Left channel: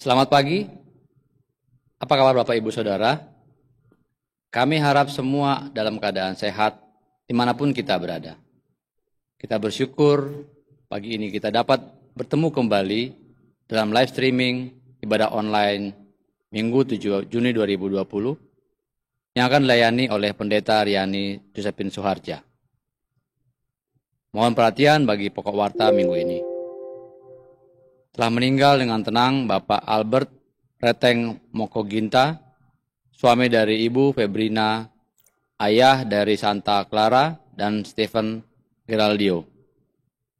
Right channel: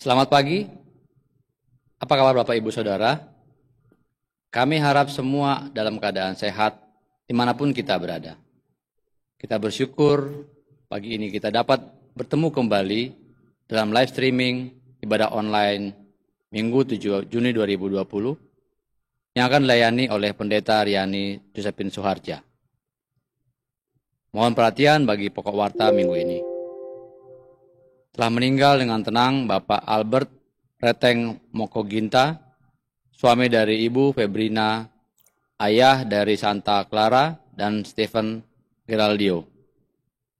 Selamat pagi, apa kabar Bapak Ibu Saudara? Kami harap semua dalam keadaan sehat dimanapun kita berada. Kita bersyukur pagi ini kita dapat bertemu kembali dalam live streaming ibadah online Minggu 7 Juni 2020 yang akan dilayani oleh Pendeta Riani Josephine Suharja. Mohon perhatian bagi pokok warta minggu ini. Telah meninggal dengan tenang Bapak Albert Reteng Mokoginta, suami dari Ibu Febrina, ayah dari Santa Clara dan Stephen Geraldio,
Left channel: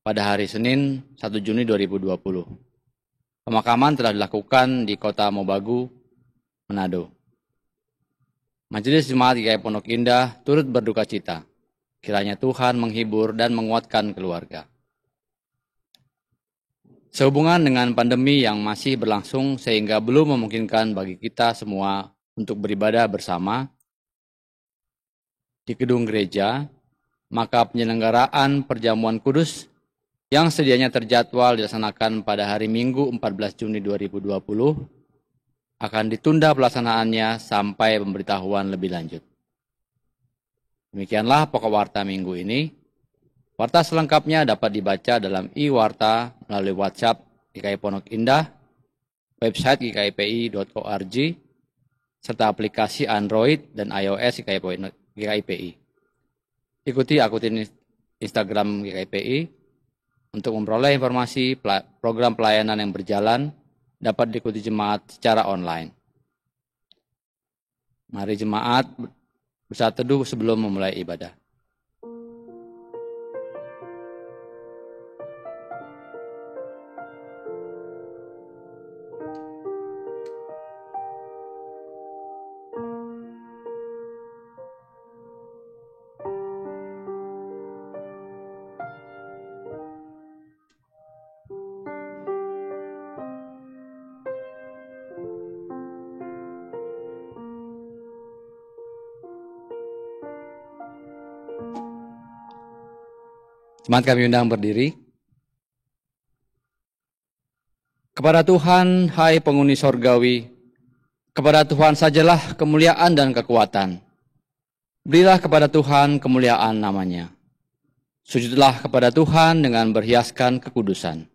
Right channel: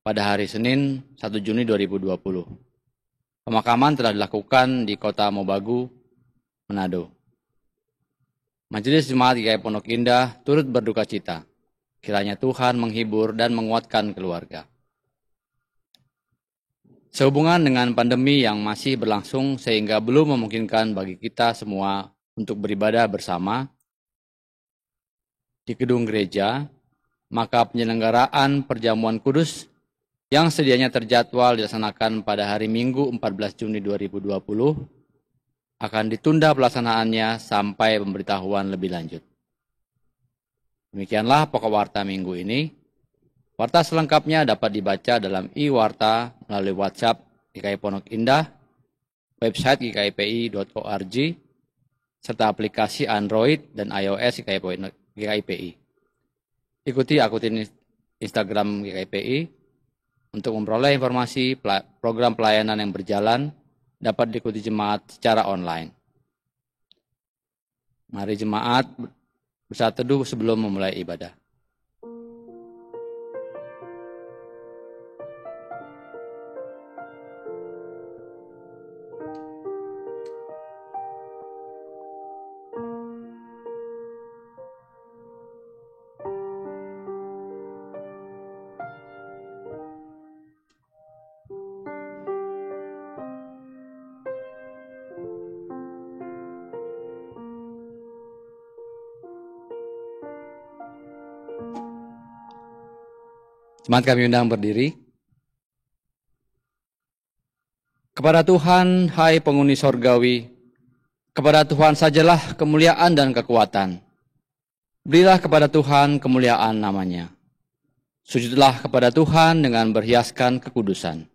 pada hari Senin 1 Juni 2020. Pemakaman telah dilakukan di kota Mobagu, Manado. Majelis Jemaat GKI Pondok Indah turut berduka cita. Kiranya Tuhan menghibur dan menguatkan keluarga. Sehubungan dengan pandemi yang masih berlangsung sehingga belum memungkinkan bagi kita semua untuk beribadah bersama di gedung gereja, maka penyelenggaraan perjamuan kudus yang sedianya terjadwal dilaksanakan pada hari Minggu 14 Juni 2020 akan ditunda pelaksanaannya sampai pemberitahuan lebih lanjut. Demikianlah pokok warta minggu ini. Warta selengkapnya dapat dibaca dalam e-warta melalui WhatsApp GKI Pondok Indah, website gkipi.org, serta aplikasi Android dan iOS GKIPI. Ikuti akun Instagram GKIPI untuk memperoleh informasi program pelayanan yang berjalan dapat diikuti jemaat secara online. Mari jemaat bersaat teduh sebelum memulai ibadah. Jemaat kami undang berdiri. Kepada Tuhan, hai penghuni sorgawi, kepada Tuhan sajalah kemuliaan dan kekuatan. Berilah kepada Tuhan kemuliaan namanya. Sujudlah kepada Tuhan dengan berhiaskan kekudusan.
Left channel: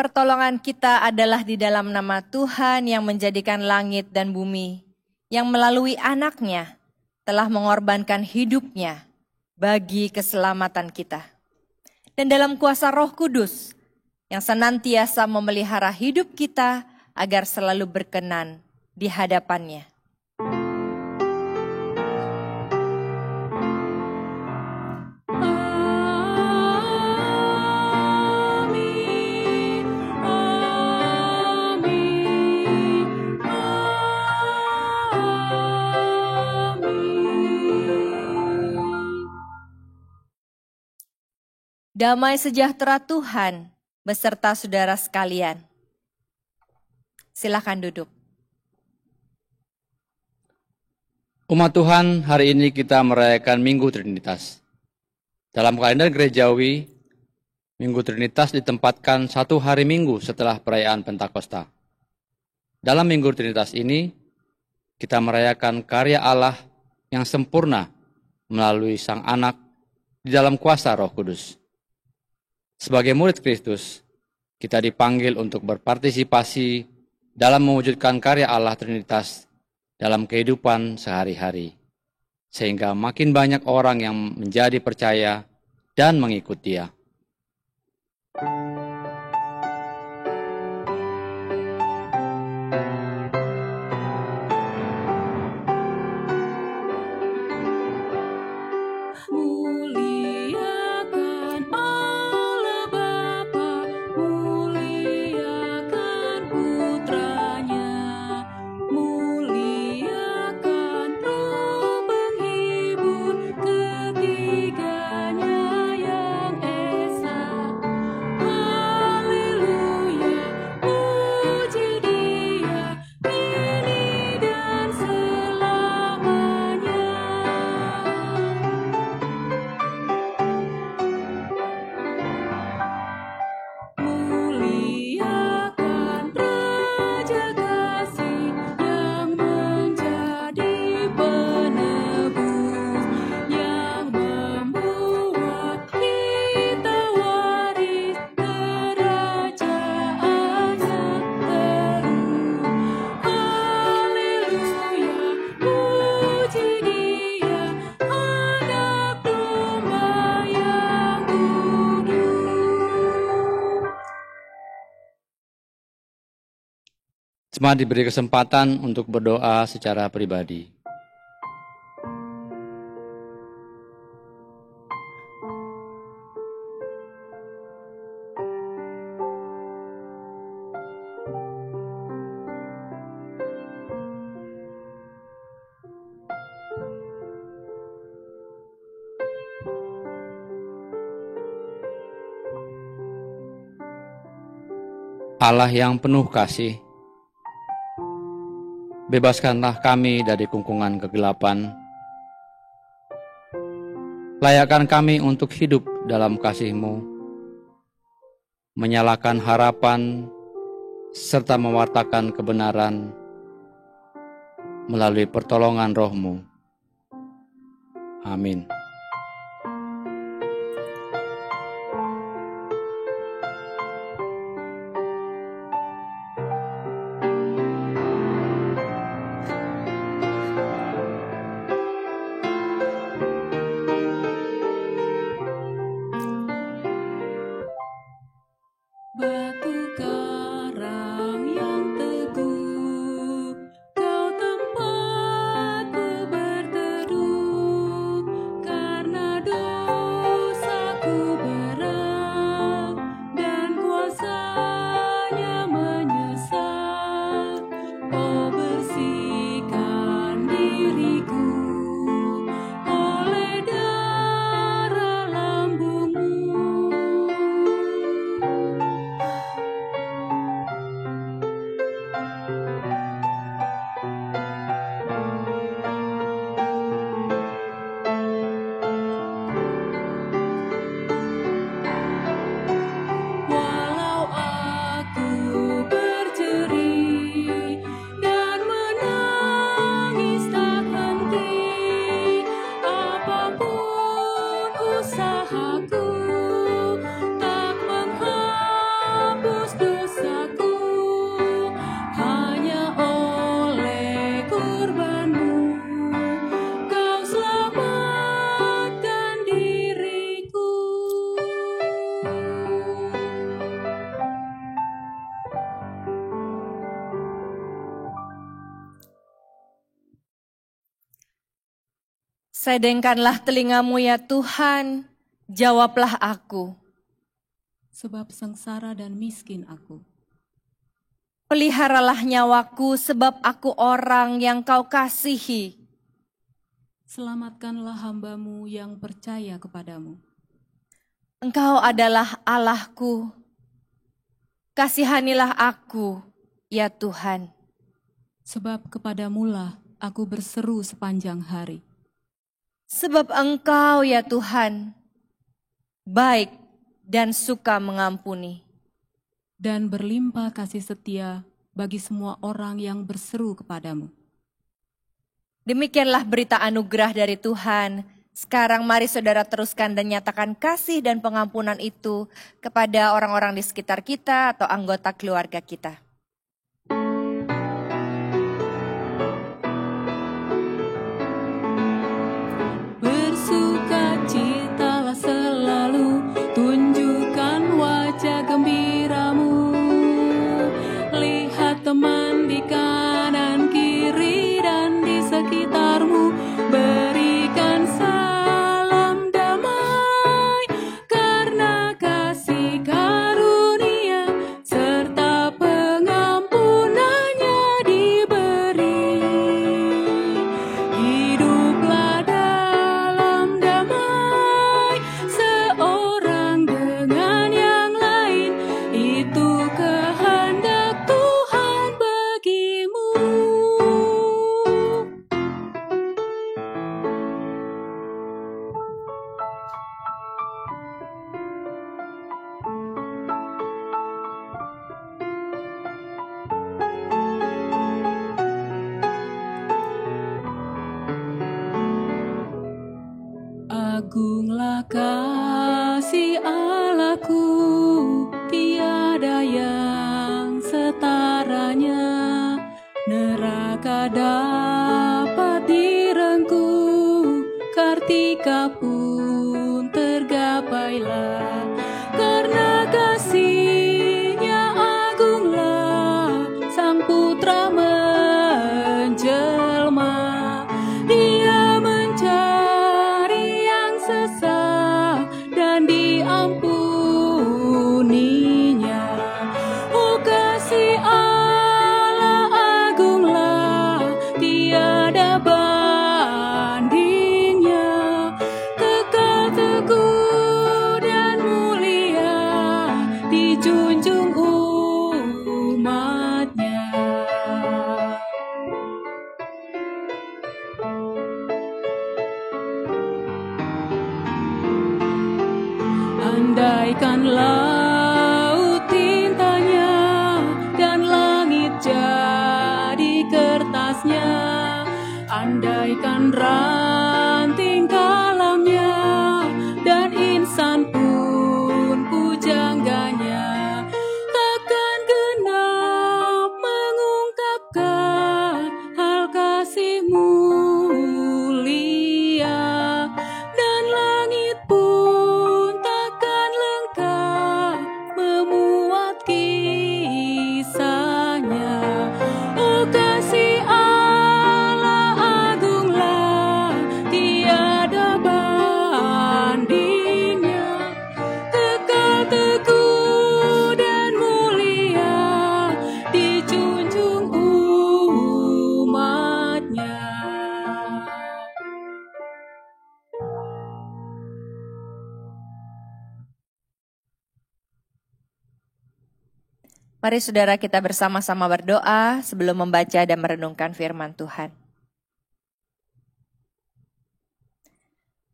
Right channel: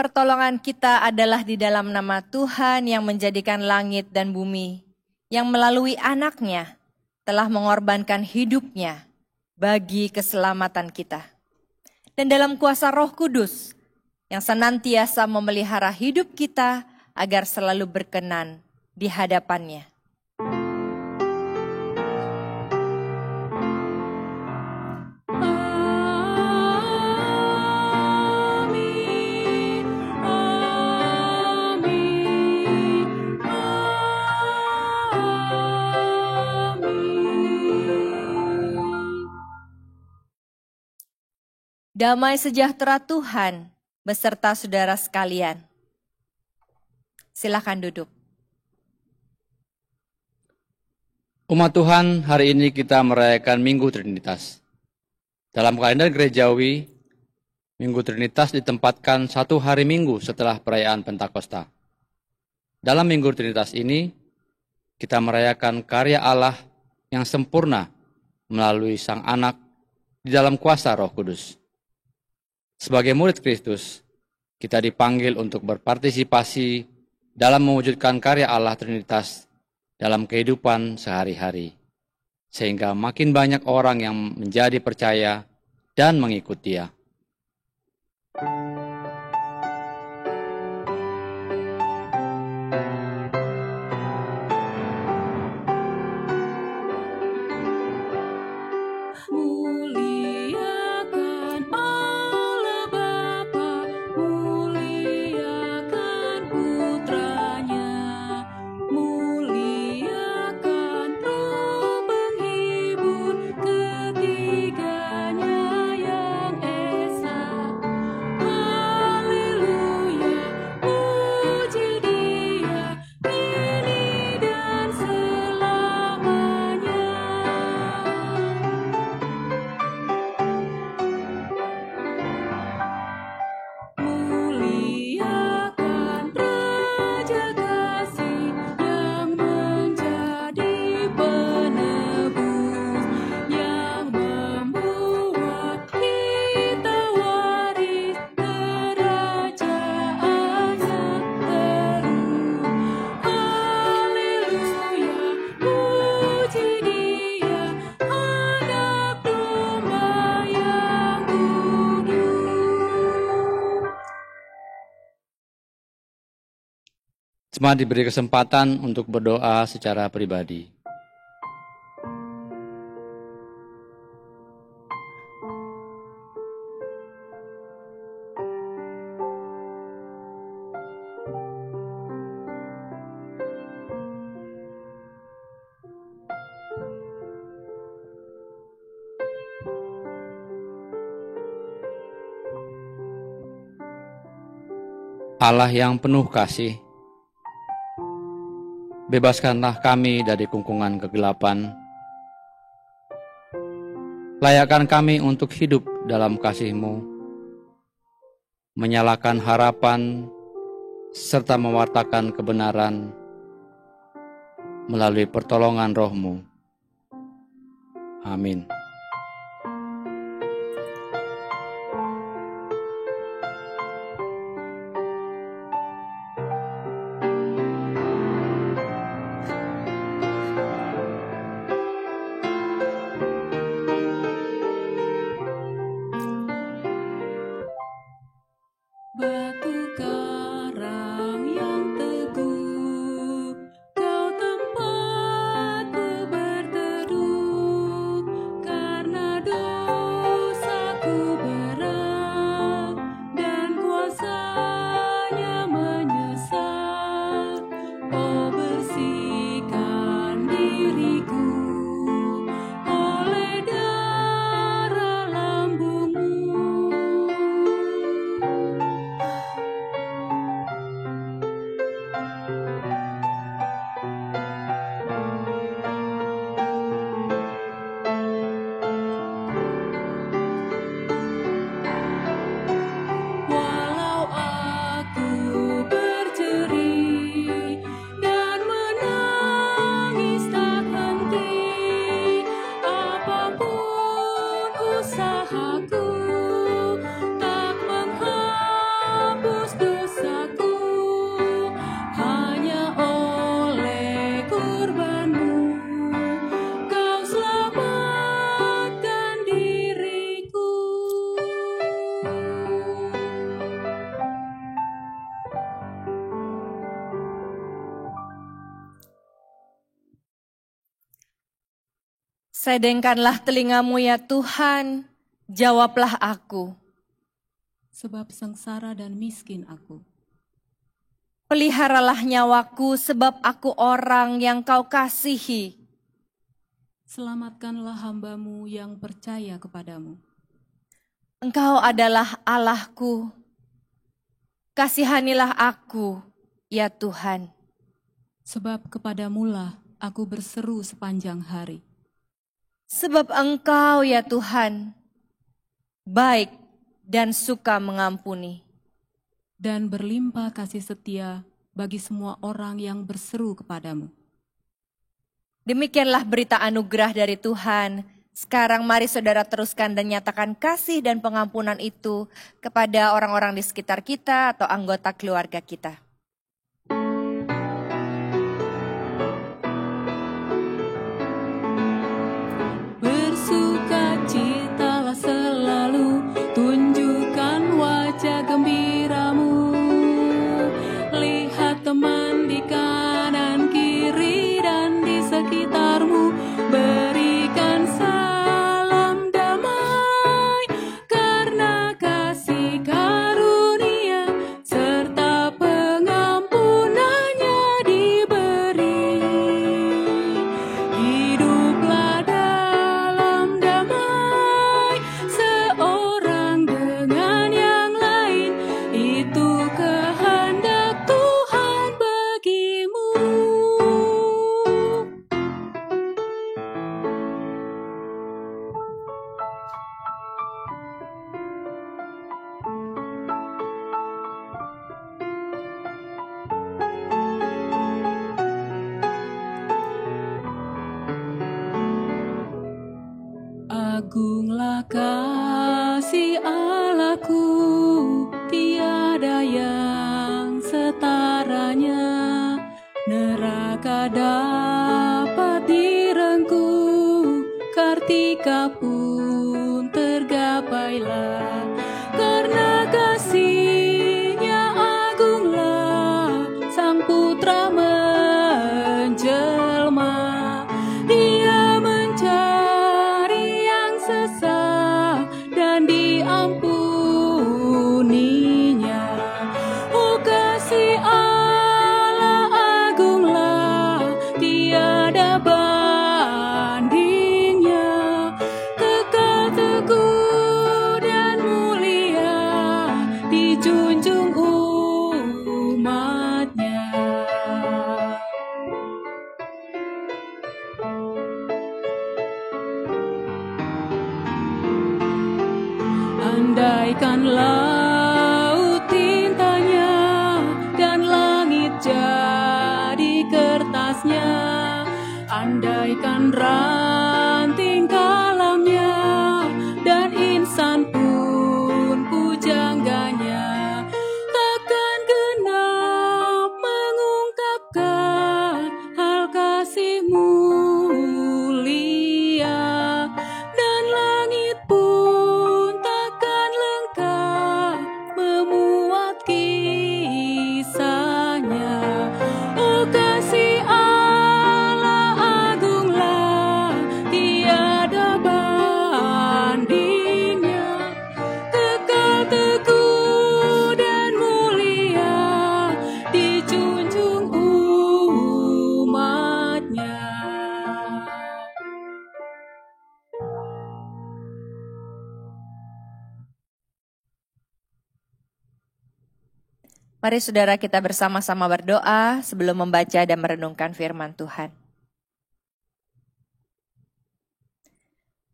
Pertolongan kita adalah di dalam nama Tuhan yang menjadikan langit dan bumi, yang melalui anaknya telah mengorbankan hidupnya bagi keselamatan kita. Dan dalam kuasa Roh Kudus yang senantiasa memelihara hidup kita agar selalu berkenan di hadapannya. Damai sejahtera Tuhan beserta saudara sekalian. Silakan duduk. Umat Tuhan, hari ini kita merayakan Minggu Trinitas. Dalam kalender gerejawi, Minggu Trinitas ditempatkan 1 hari Minggu setelah perayaan Pentakosta. Dalam Minggu Trinitas ini, kita merayakan karya Allah yang sempurna melalui Sang Anak di dalam kuasa Roh Kudus. Sebagai murid Kristus, kita dipanggil untuk berpartisipasi dalam mewujudkan karya Allah Trinitas dalam kehidupan sehari-hari, sehingga makin banyak orang yang menjadi percaya dan mengikut Dia. Jemaat diberi kesempatan untuk berdoa secara pribadi. Allah yang penuh kasih, bebaskanlah kami dari kungkungan kegelapan. Layakkan kami untuk hidup dalam kasih-Mu, menyalakan harapan, serta mewartakan kebenaran melalui pertolongan Roh-Mu. Amin. Sedengkanlah telingamu ya Tuhan, jawablah aku. Sebab sengsara dan miskin aku. Peliharalah nyawaku sebab aku orang yang Kau kasihi. Selamatkanlah hamba-Mu yang percaya kepadamu. Engkau adalah Allahku. Kasihanilah aku, ya Tuhan. Sebab kepadamulah aku berseru sepanjang hari. Sebab Engkau, ya Tuhan, baik dan suka mengampuni. Dan berlimpah kasih setia bagi semua orang yang berseru kepadamu. Demikianlah berita anugerah dari Tuhan. Sekarang mari saudara teruskan dan nyatakan kasih dan pengampunan itu kepada orang-orang di sekitar kita atau anggota keluarga kita. Bersukacitalah selalu, tunjukkan wajah gembiramu. Lihat teman di kanan kiri dan di sekitarmu, berikan salam damai, karena kasih karunia serta pengampunannya diberi. Hiduplah dalam damai, seorang dengan yang lain, itu kehendak Tuhan bagimu. Agunglah kasih Allahku, tiada yang setaranya. Neraka dapat direngkuh, kartika pun tergapailah. Karena kasih-Nya agunglah, Sang Putra menjelma. Dia mencari yang sesat dan diampuninya. Oh, kasih Allah agunglah, tiada bandingnya. Kekal teguh dan mulia, dijunjung umat-Nya. Andaikan laut tintanya dan langit jadi kertasnya, andaikan ranting kalamnya dan insan pun pujangganya, takkan genap mengungkapkan hal kasih mulia, dan langit pun takkan lengkap memuat kisahnya. Oh, kasih Allah agunglah, tiada bandingnya. Kekal teguh dan mulia, dijunjung umat-Nya. Mari saudara kita bersama-sama berdoa sebelum membaca dan merenungkan firman Tuhan.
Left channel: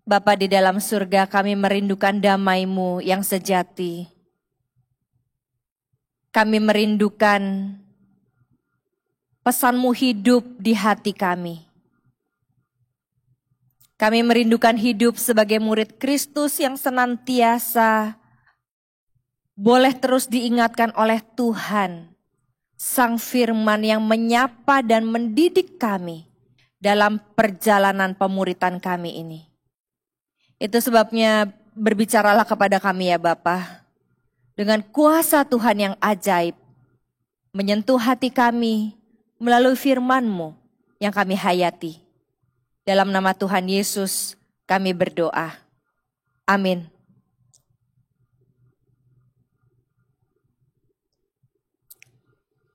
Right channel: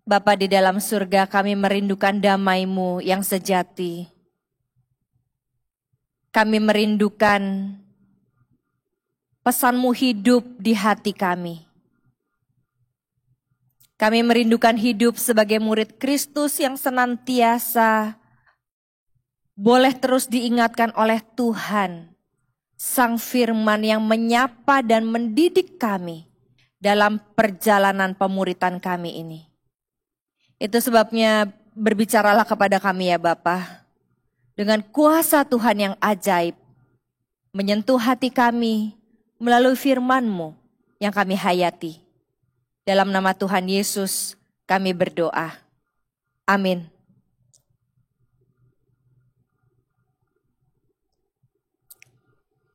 Bapa di dalam surga, kami merindukan damai-Mu yang sejati. Kami merindukan pesan-Mu hidup di hati kami. Kami merindukan hidup sebagai murid Kristus yang senantiasa boleh terus diingatkan oleh Tuhan, Sang Firman yang menyapa dan mendidik kami dalam perjalanan pemuritan kami ini. Itu sebabnya berbicaralah kepada kami ya Bapa, dengan kuasa Tuhan yang ajaib, menyentuh hati kami melalui firman-Mu yang kami hayati. Dalam nama Tuhan Yesus kami berdoa. Amin.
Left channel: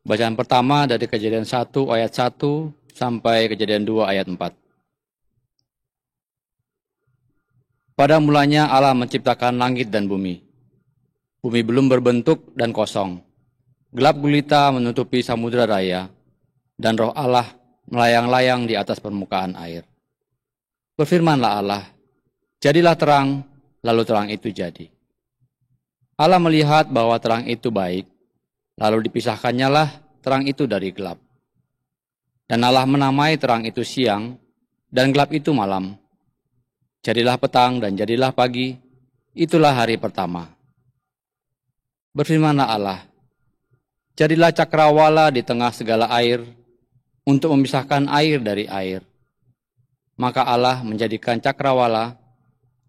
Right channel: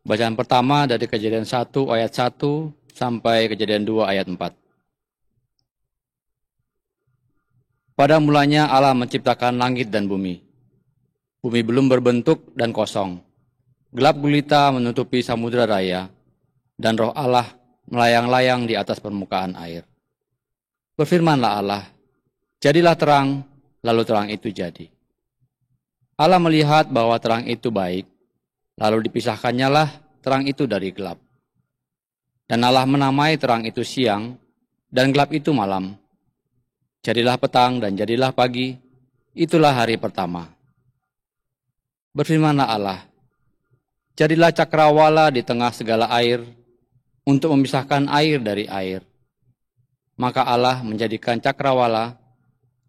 Bacaan pertama dari Kejadian 1 ayat 1 sampai Kejadian 2 ayat 4. Pada mulanya Allah menciptakan langit dan bumi. Bumi belum berbentuk dan kosong. Gelap gulita menutupi samudera raya, dan roh Allah melayang-layang di atas permukaan air. Berfirmanlah Allah, jadilah terang, lalu terang itu jadi. Allah melihat bahwa terang itu baik, lalu dipisahkannyalah terang itu dari gelap. Dan Allah menamai terang itu siang, dan gelap itu malam. Jadilah petang dan jadilah pagi, itulah hari pertama. Berfirmanlah Allah, jadilah cakrawala di tengah segala air, untuk memisahkan air dari air. Maka Allah menjadikan cakrawala,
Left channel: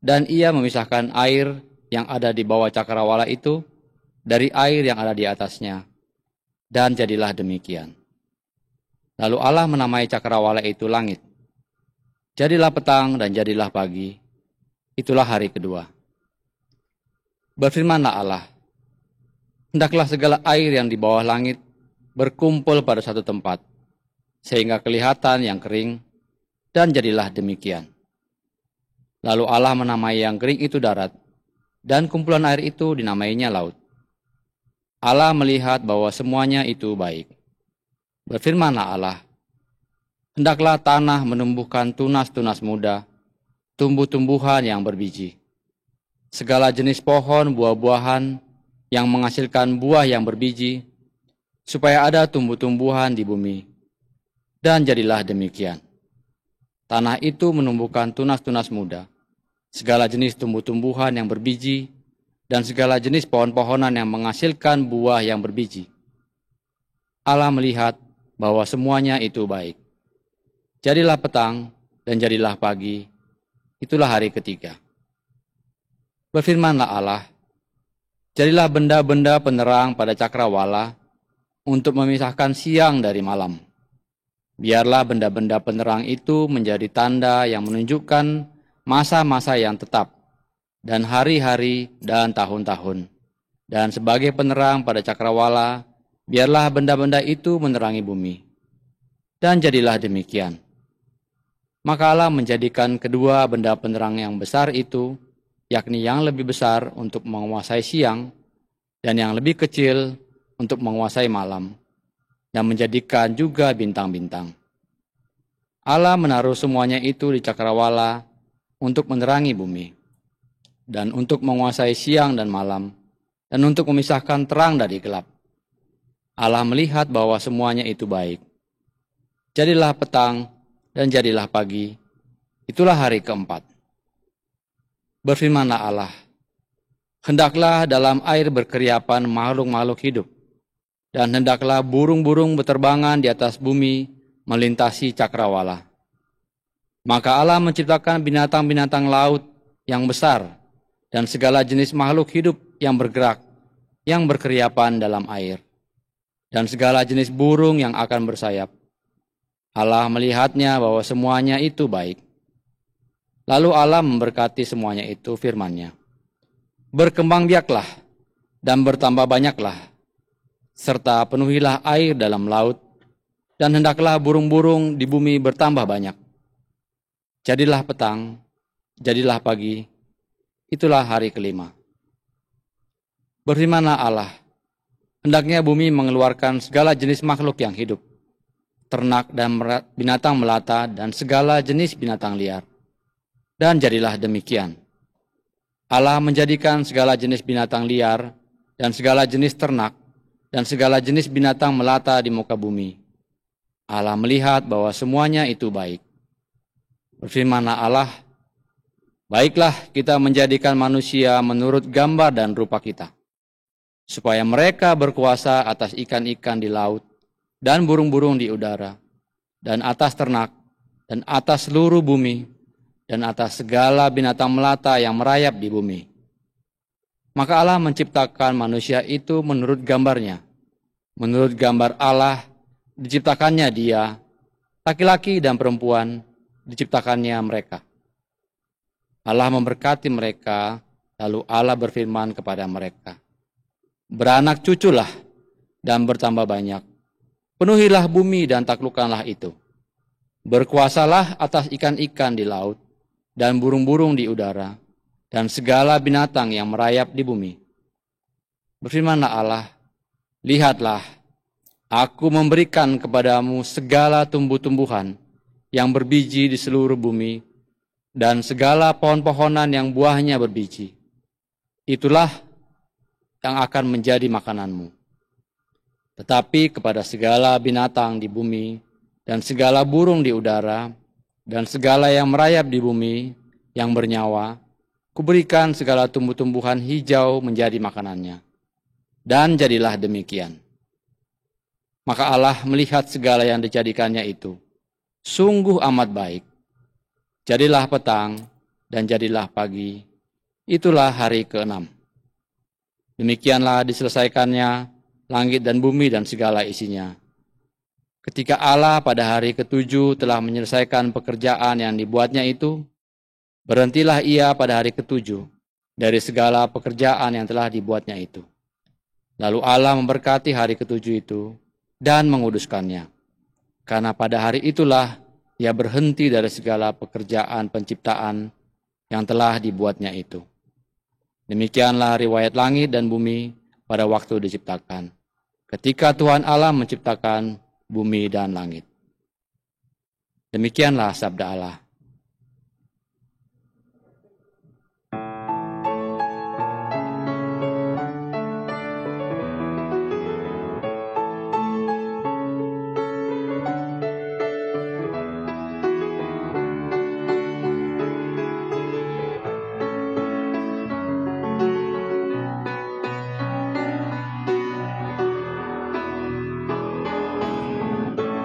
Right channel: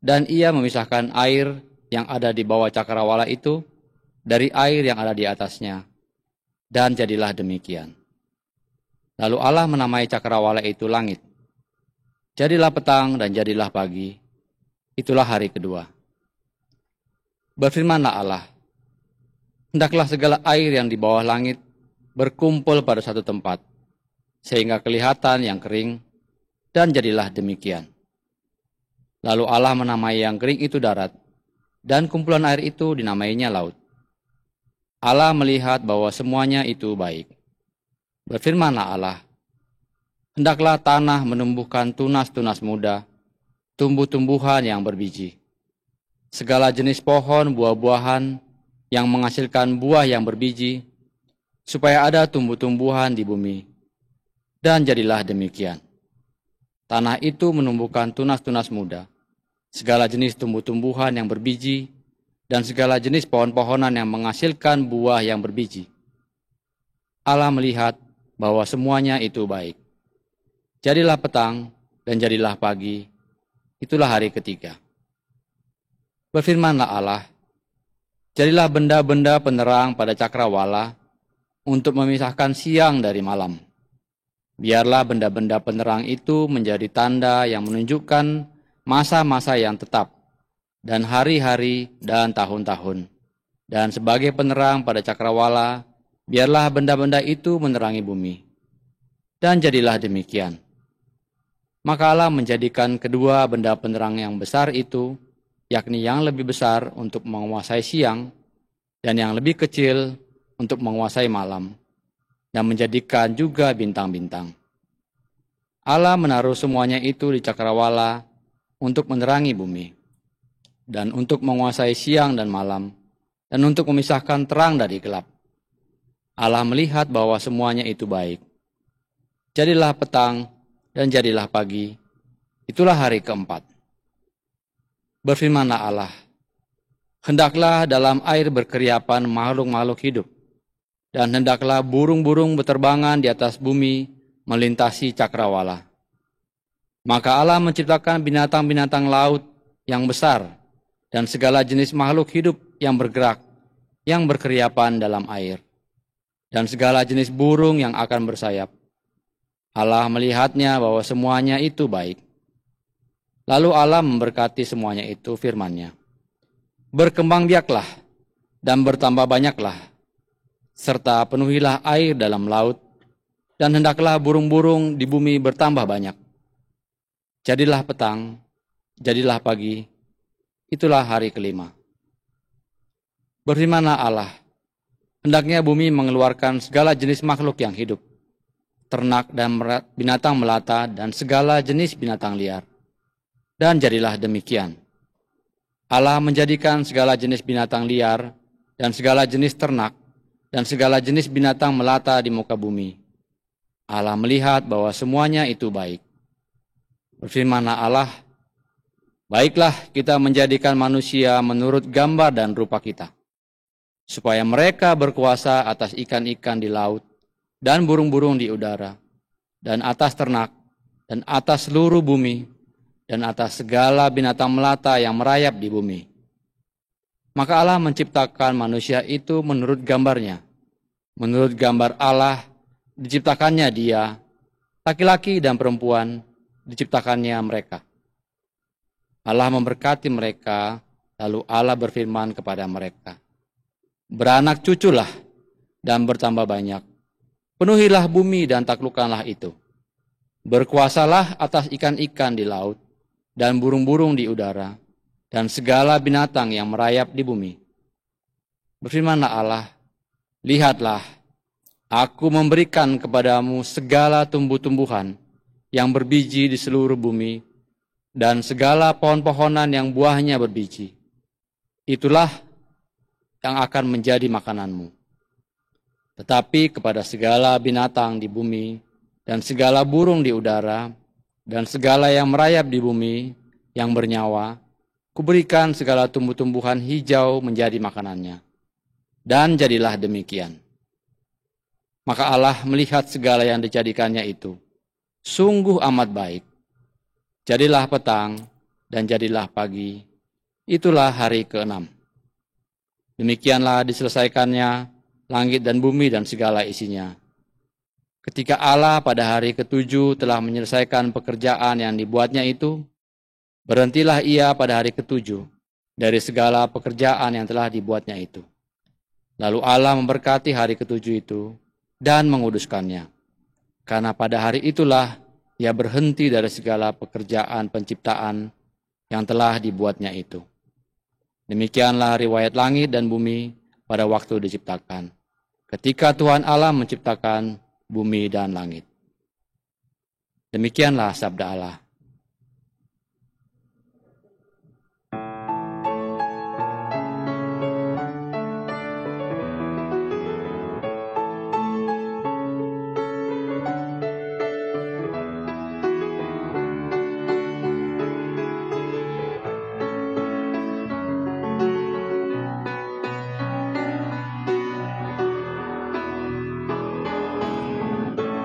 dan ia memisahkan air yang ada di bawah cakrawala itu dari air yang ada di atasnya. Dan jadilah demikian. Lalu Allah menamai cakrawala itu langit. Jadilah petang dan jadilah pagi, itulah hari kedua. Berfirmanlah Allah, hendaklah segala air yang di bawah langit berkumpul pada satu tempat, sehingga kelihatan yang kering, dan jadilah demikian. Lalu Allah menamai yang kering itu darat, dan kumpulan air itu dinamainya laut. Allah melihat bahwa semuanya itu baik. Berfirmanlah Allah, hendaklah tanah menumbuhkan tunas-tunas muda, tumbuh-tumbuhan yang berbiji. Segala jenis pohon buah-buahan yang menghasilkan buah yang berbiji, supaya ada tumbuh-tumbuhan di bumi. Dan jadilah demikian. Tanah itu menumbuhkan tunas-tunas muda, segala jenis tumbuh-tumbuhan yang berbiji, dan segala jenis pohon-pohonan yang menghasilkan buah yang berbiji. Allah melihat bahwa semuanya itu baik. Jadilah petang dan jadilah pagi, itulah hari ketiga. Berfirmanlah Allah, jadilah benda-benda penerang pada cakrawala untuk memisahkan siang dari malam. Biarlah benda-benda penerang itu menjadi tanda yang menunjukkan masa-masa yang tetap, dan hari-hari dan tahun-tahun. Dan sebagai penerang pada cakrawala, biarlah benda-benda itu menerangi bumi. Dan jadilah demikian. Maka Allah menjadikan kedua benda penerang yang besar itu, yakni yang lebih besar untuk menguasai siang, dan yang lebih kecil untuk menguasai malam, dan menjadikan juga bintang-bintang. Allah menaruh semuanya itu di cakrawala untuk menerangi bumi, dan untuk menguasai siang dan malam, dan untuk memisahkan terang dari gelap. Allah melihat bahwa semuanya itu baik. Jadilah petang dan jadilah pagi, itulah hari keempat. Berfirmanlah Allah, hendaklah dalam air berkeriapan makhluk-makhluk hidup, dan hendaklah burung-burung berterbangan di atas bumi melintasi cakrawala. Maka Allah menciptakan binatang-binatang laut yang besar, dan segala jenis makhluk hidup yang bergerak, yang berkeriapan dalam air, dan segala jenis burung yang akan bersayap. Allah melihatnya bahwa semuanya itu baik. Lalu Allah memberkati semuanya itu firman-Nya, berkembang biaklah dan bertambah banyaklah, serta penuhilah air dalam laut, dan hendaklah burung-burung di bumi bertambah banyak. Jadilah petang, jadilah pagi, itulah hari kelima. Berfirmanlah Allah, hendaknya bumi mengeluarkan segala jenis makhluk yang hidup, ternak dan binatang melata dan segala jenis binatang liar. Dan jadilah demikian. Allah menjadikan segala jenis binatang liar dan segala jenis ternak dan segala jenis binatang melata di muka bumi. Allah melihat bahwa semuanya itu baik. Berfirmanlah Allah, baiklah kita menjadikan manusia menurut gambar dan rupa kita, supaya mereka berkuasa atas ikan-ikan di laut dan burung-burung di udara, dan atas ternak, dan atas seluruh bumi, dan atas segala binatang melata yang merayap di bumi. Maka Allah menciptakan manusia itu menurut gambarnya. Menurut gambar Allah diciptakannya dia, laki-laki dan perempuan diciptakannya mereka. Allah memberkati mereka, lalu Allah berfirman kepada mereka, beranak cuculah dan bertambah banyak. Penuhilah bumi dan taklukkanlah itu. Berkuasalah atas ikan-ikan di laut dan burung-burung di udara dan segala binatang yang merayap di bumi. Berfirmanlah Allah, lihatlah, aku memberikan kepadamu segala tumbuh-tumbuhan yang berbiji di seluruh bumi, dan segala pohon-pohonan yang buahnya berbiji. Itulah yang akan menjadi makananmu. Tetapi kepada segala binatang di bumi, dan segala burung di udara, dan segala yang merayap di bumi, yang bernyawa, kuberikan segala tumbuh-tumbuhan hijau menjadi makanannya. Dan jadilah demikian. Maka Allah melihat segala yang dijadikannya itu, sungguh amat baik. Jadilah petang, dan jadilah pagi. Itulah hari ke-6. Demikianlah diselesaikannya langit dan bumi dan segala isinya. Ketika Allah pada hari ke-7 telah menyelesaikan pekerjaan yang dibuatnya itu, berhentilah ia pada hari ke-7 dari segala pekerjaan yang telah dibuatnya itu. Lalu Allah memberkati hari ke-7 itu dan menguduskannya. Karena pada hari itulah ia berhenti dari segala pekerjaan penciptaan yang telah dibuatnya itu. Demikianlah riwayat langit dan bumi pada waktu diciptakan, ketika Tuhan Allah menciptakan bumi dan langit. Demikianlah sabda Allah.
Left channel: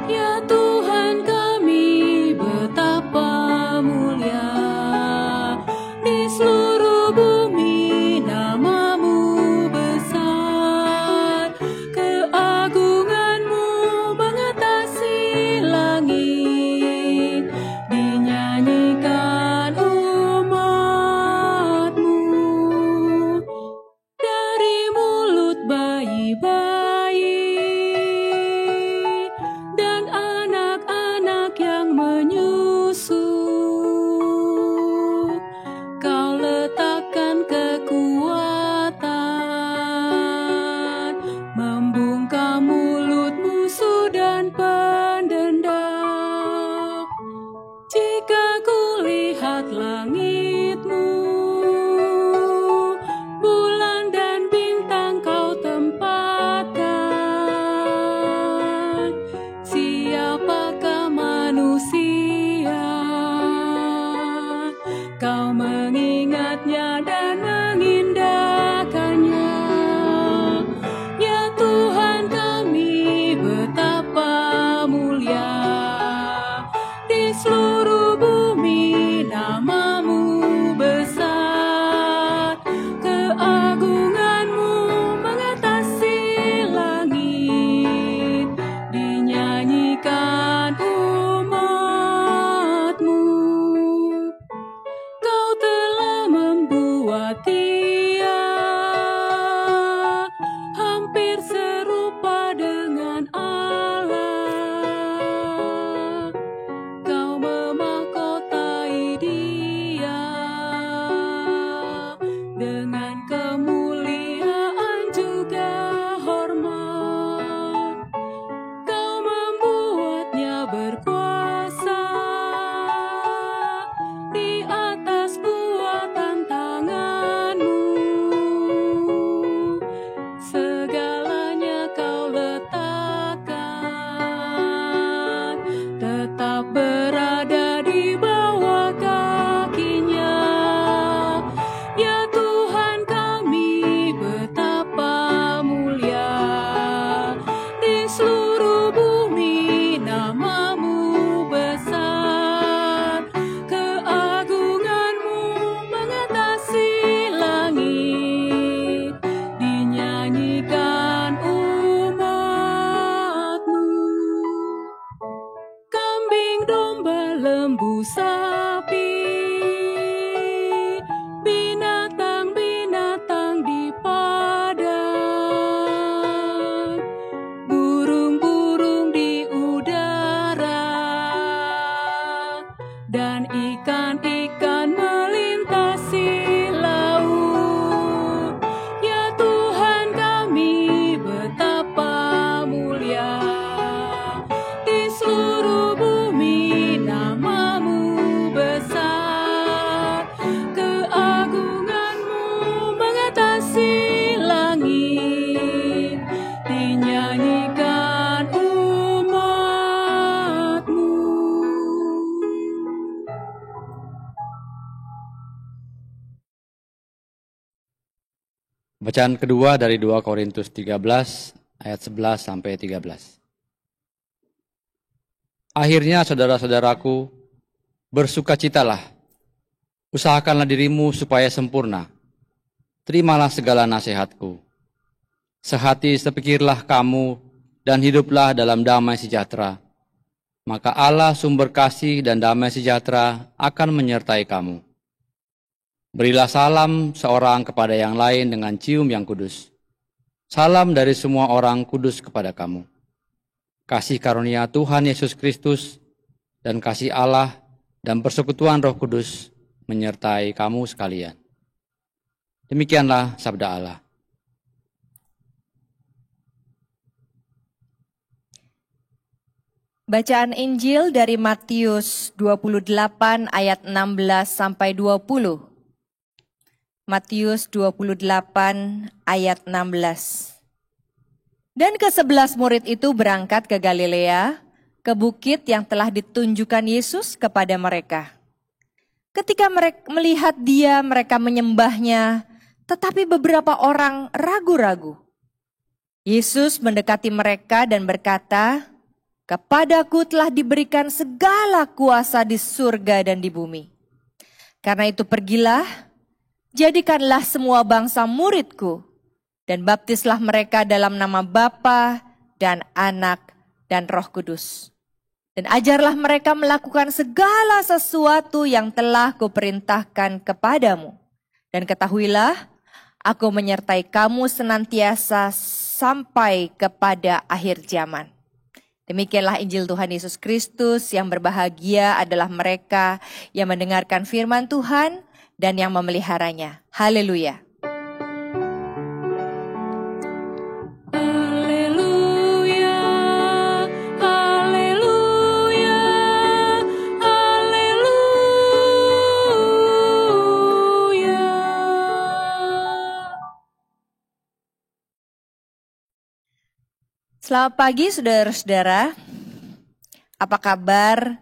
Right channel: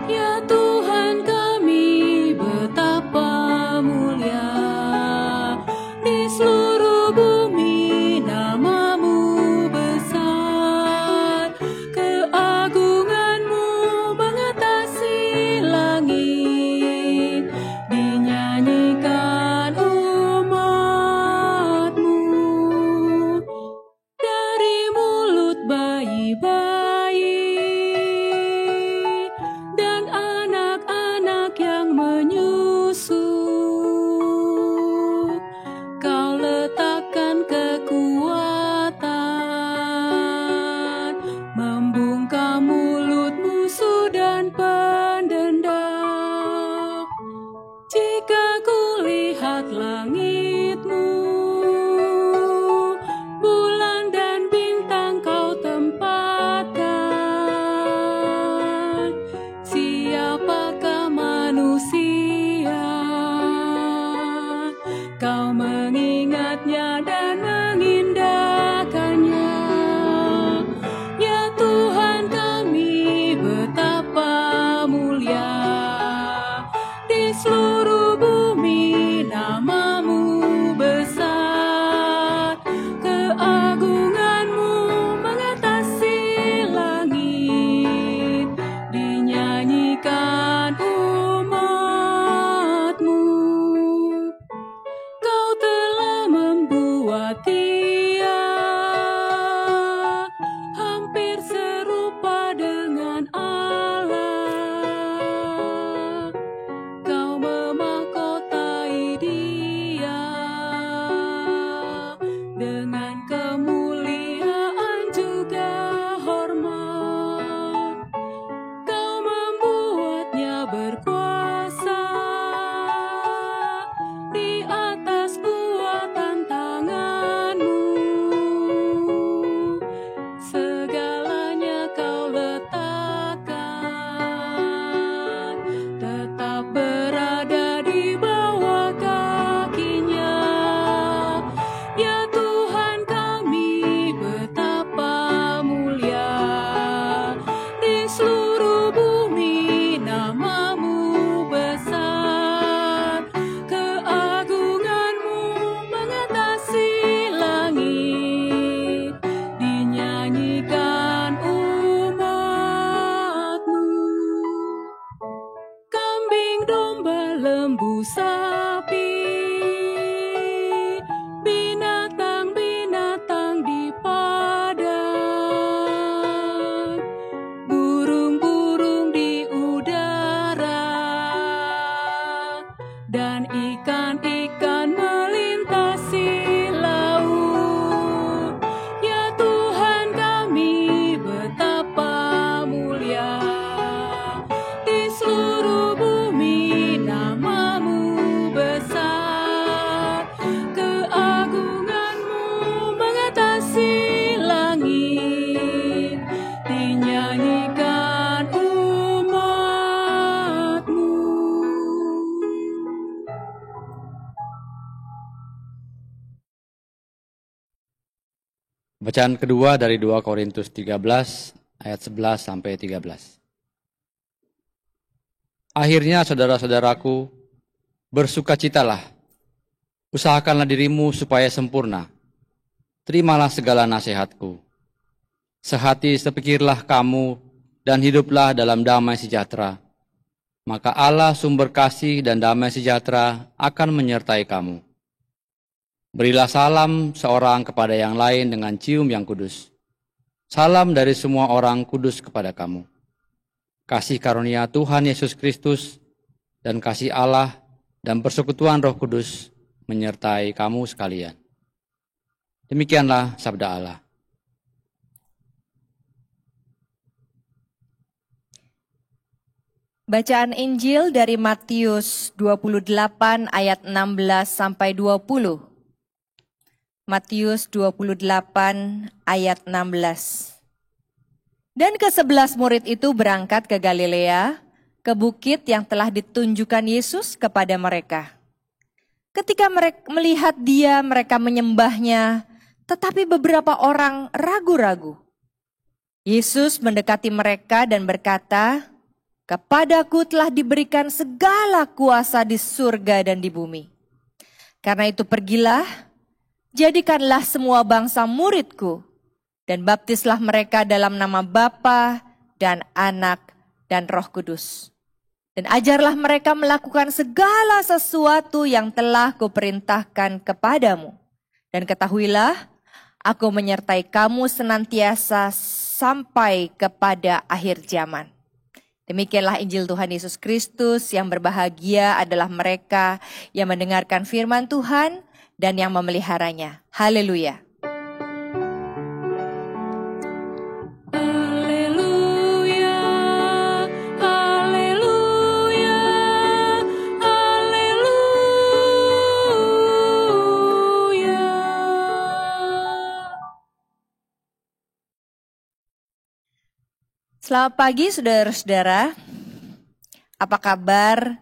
Ya Tuhan kami, betapa mulia di seluruh bumi nama-Mu besar. Keagungan-Mu mengatasi langit, dinyanyikan umat-Mu. Dari mulut bayi-bayi dan anak-anak yang menyusu, Kau letakkan kekuatan, membungkam mulut musuh dan pendenda. Jika kulihat langit-Mu, bulan dan bintang Kau tempatkan, Bacaan kedua dari 2 Korintus 13 ayat 11 sampai 13. Akhirnya saudara-saudaraku, bersukacitalah. Usahakanlah dirimu supaya sempurna. Terimalah segala nasihatku. Sehati sepikirlah kamu dan hiduplah dalam damai sejahtera. Maka Allah sumber kasih dan damai sejahtera akan menyertai kamu. Berilah salam seorang kepada yang lain dengan cium yang kudus. Salam dari semua orang kudus kepada kamu. Kasih karunia Tuhan Yesus Kristus dan kasih Allah dan persekutuan Roh Kudus menyertai kamu sekalian. Demikianlah sabda Allah. Bacaan Injil dari Matius 28 ayat 16 sampai 20. Matius 28 ayat 16. Dan ke-11 murid itu berangkat ke Galilea, ke bukit yang telah ditunjukkan Yesus kepada mereka. Ketika mereka melihat dia, mereka menyembahnya, tetapi beberapa orang ragu-ragu. Yesus mendekati mereka dan berkata, "Kepadaku telah diberikan segala kuasa di surga dan di bumi. Karena itu pergilah, jadikanlah semua bangsa muridku, dan baptislah mereka dalam nama Bapa dan Anak dan Roh Kudus. Dan ajarlah mereka melakukan segala sesuatu yang telah kuperintahkan kepadamu. Dan ketahuilah, aku menyertai kamu senantiasa sampai kepada akhir zaman." Demikianlah Injil Tuhan Yesus Kristus. Yang berbahagia adalah mereka yang mendengarkan firman Tuhan dan yang memeliharanya. Haleluya. Haleluya, haleluya, haleluya. Selamat pagi saudara-saudara. Apa kabar?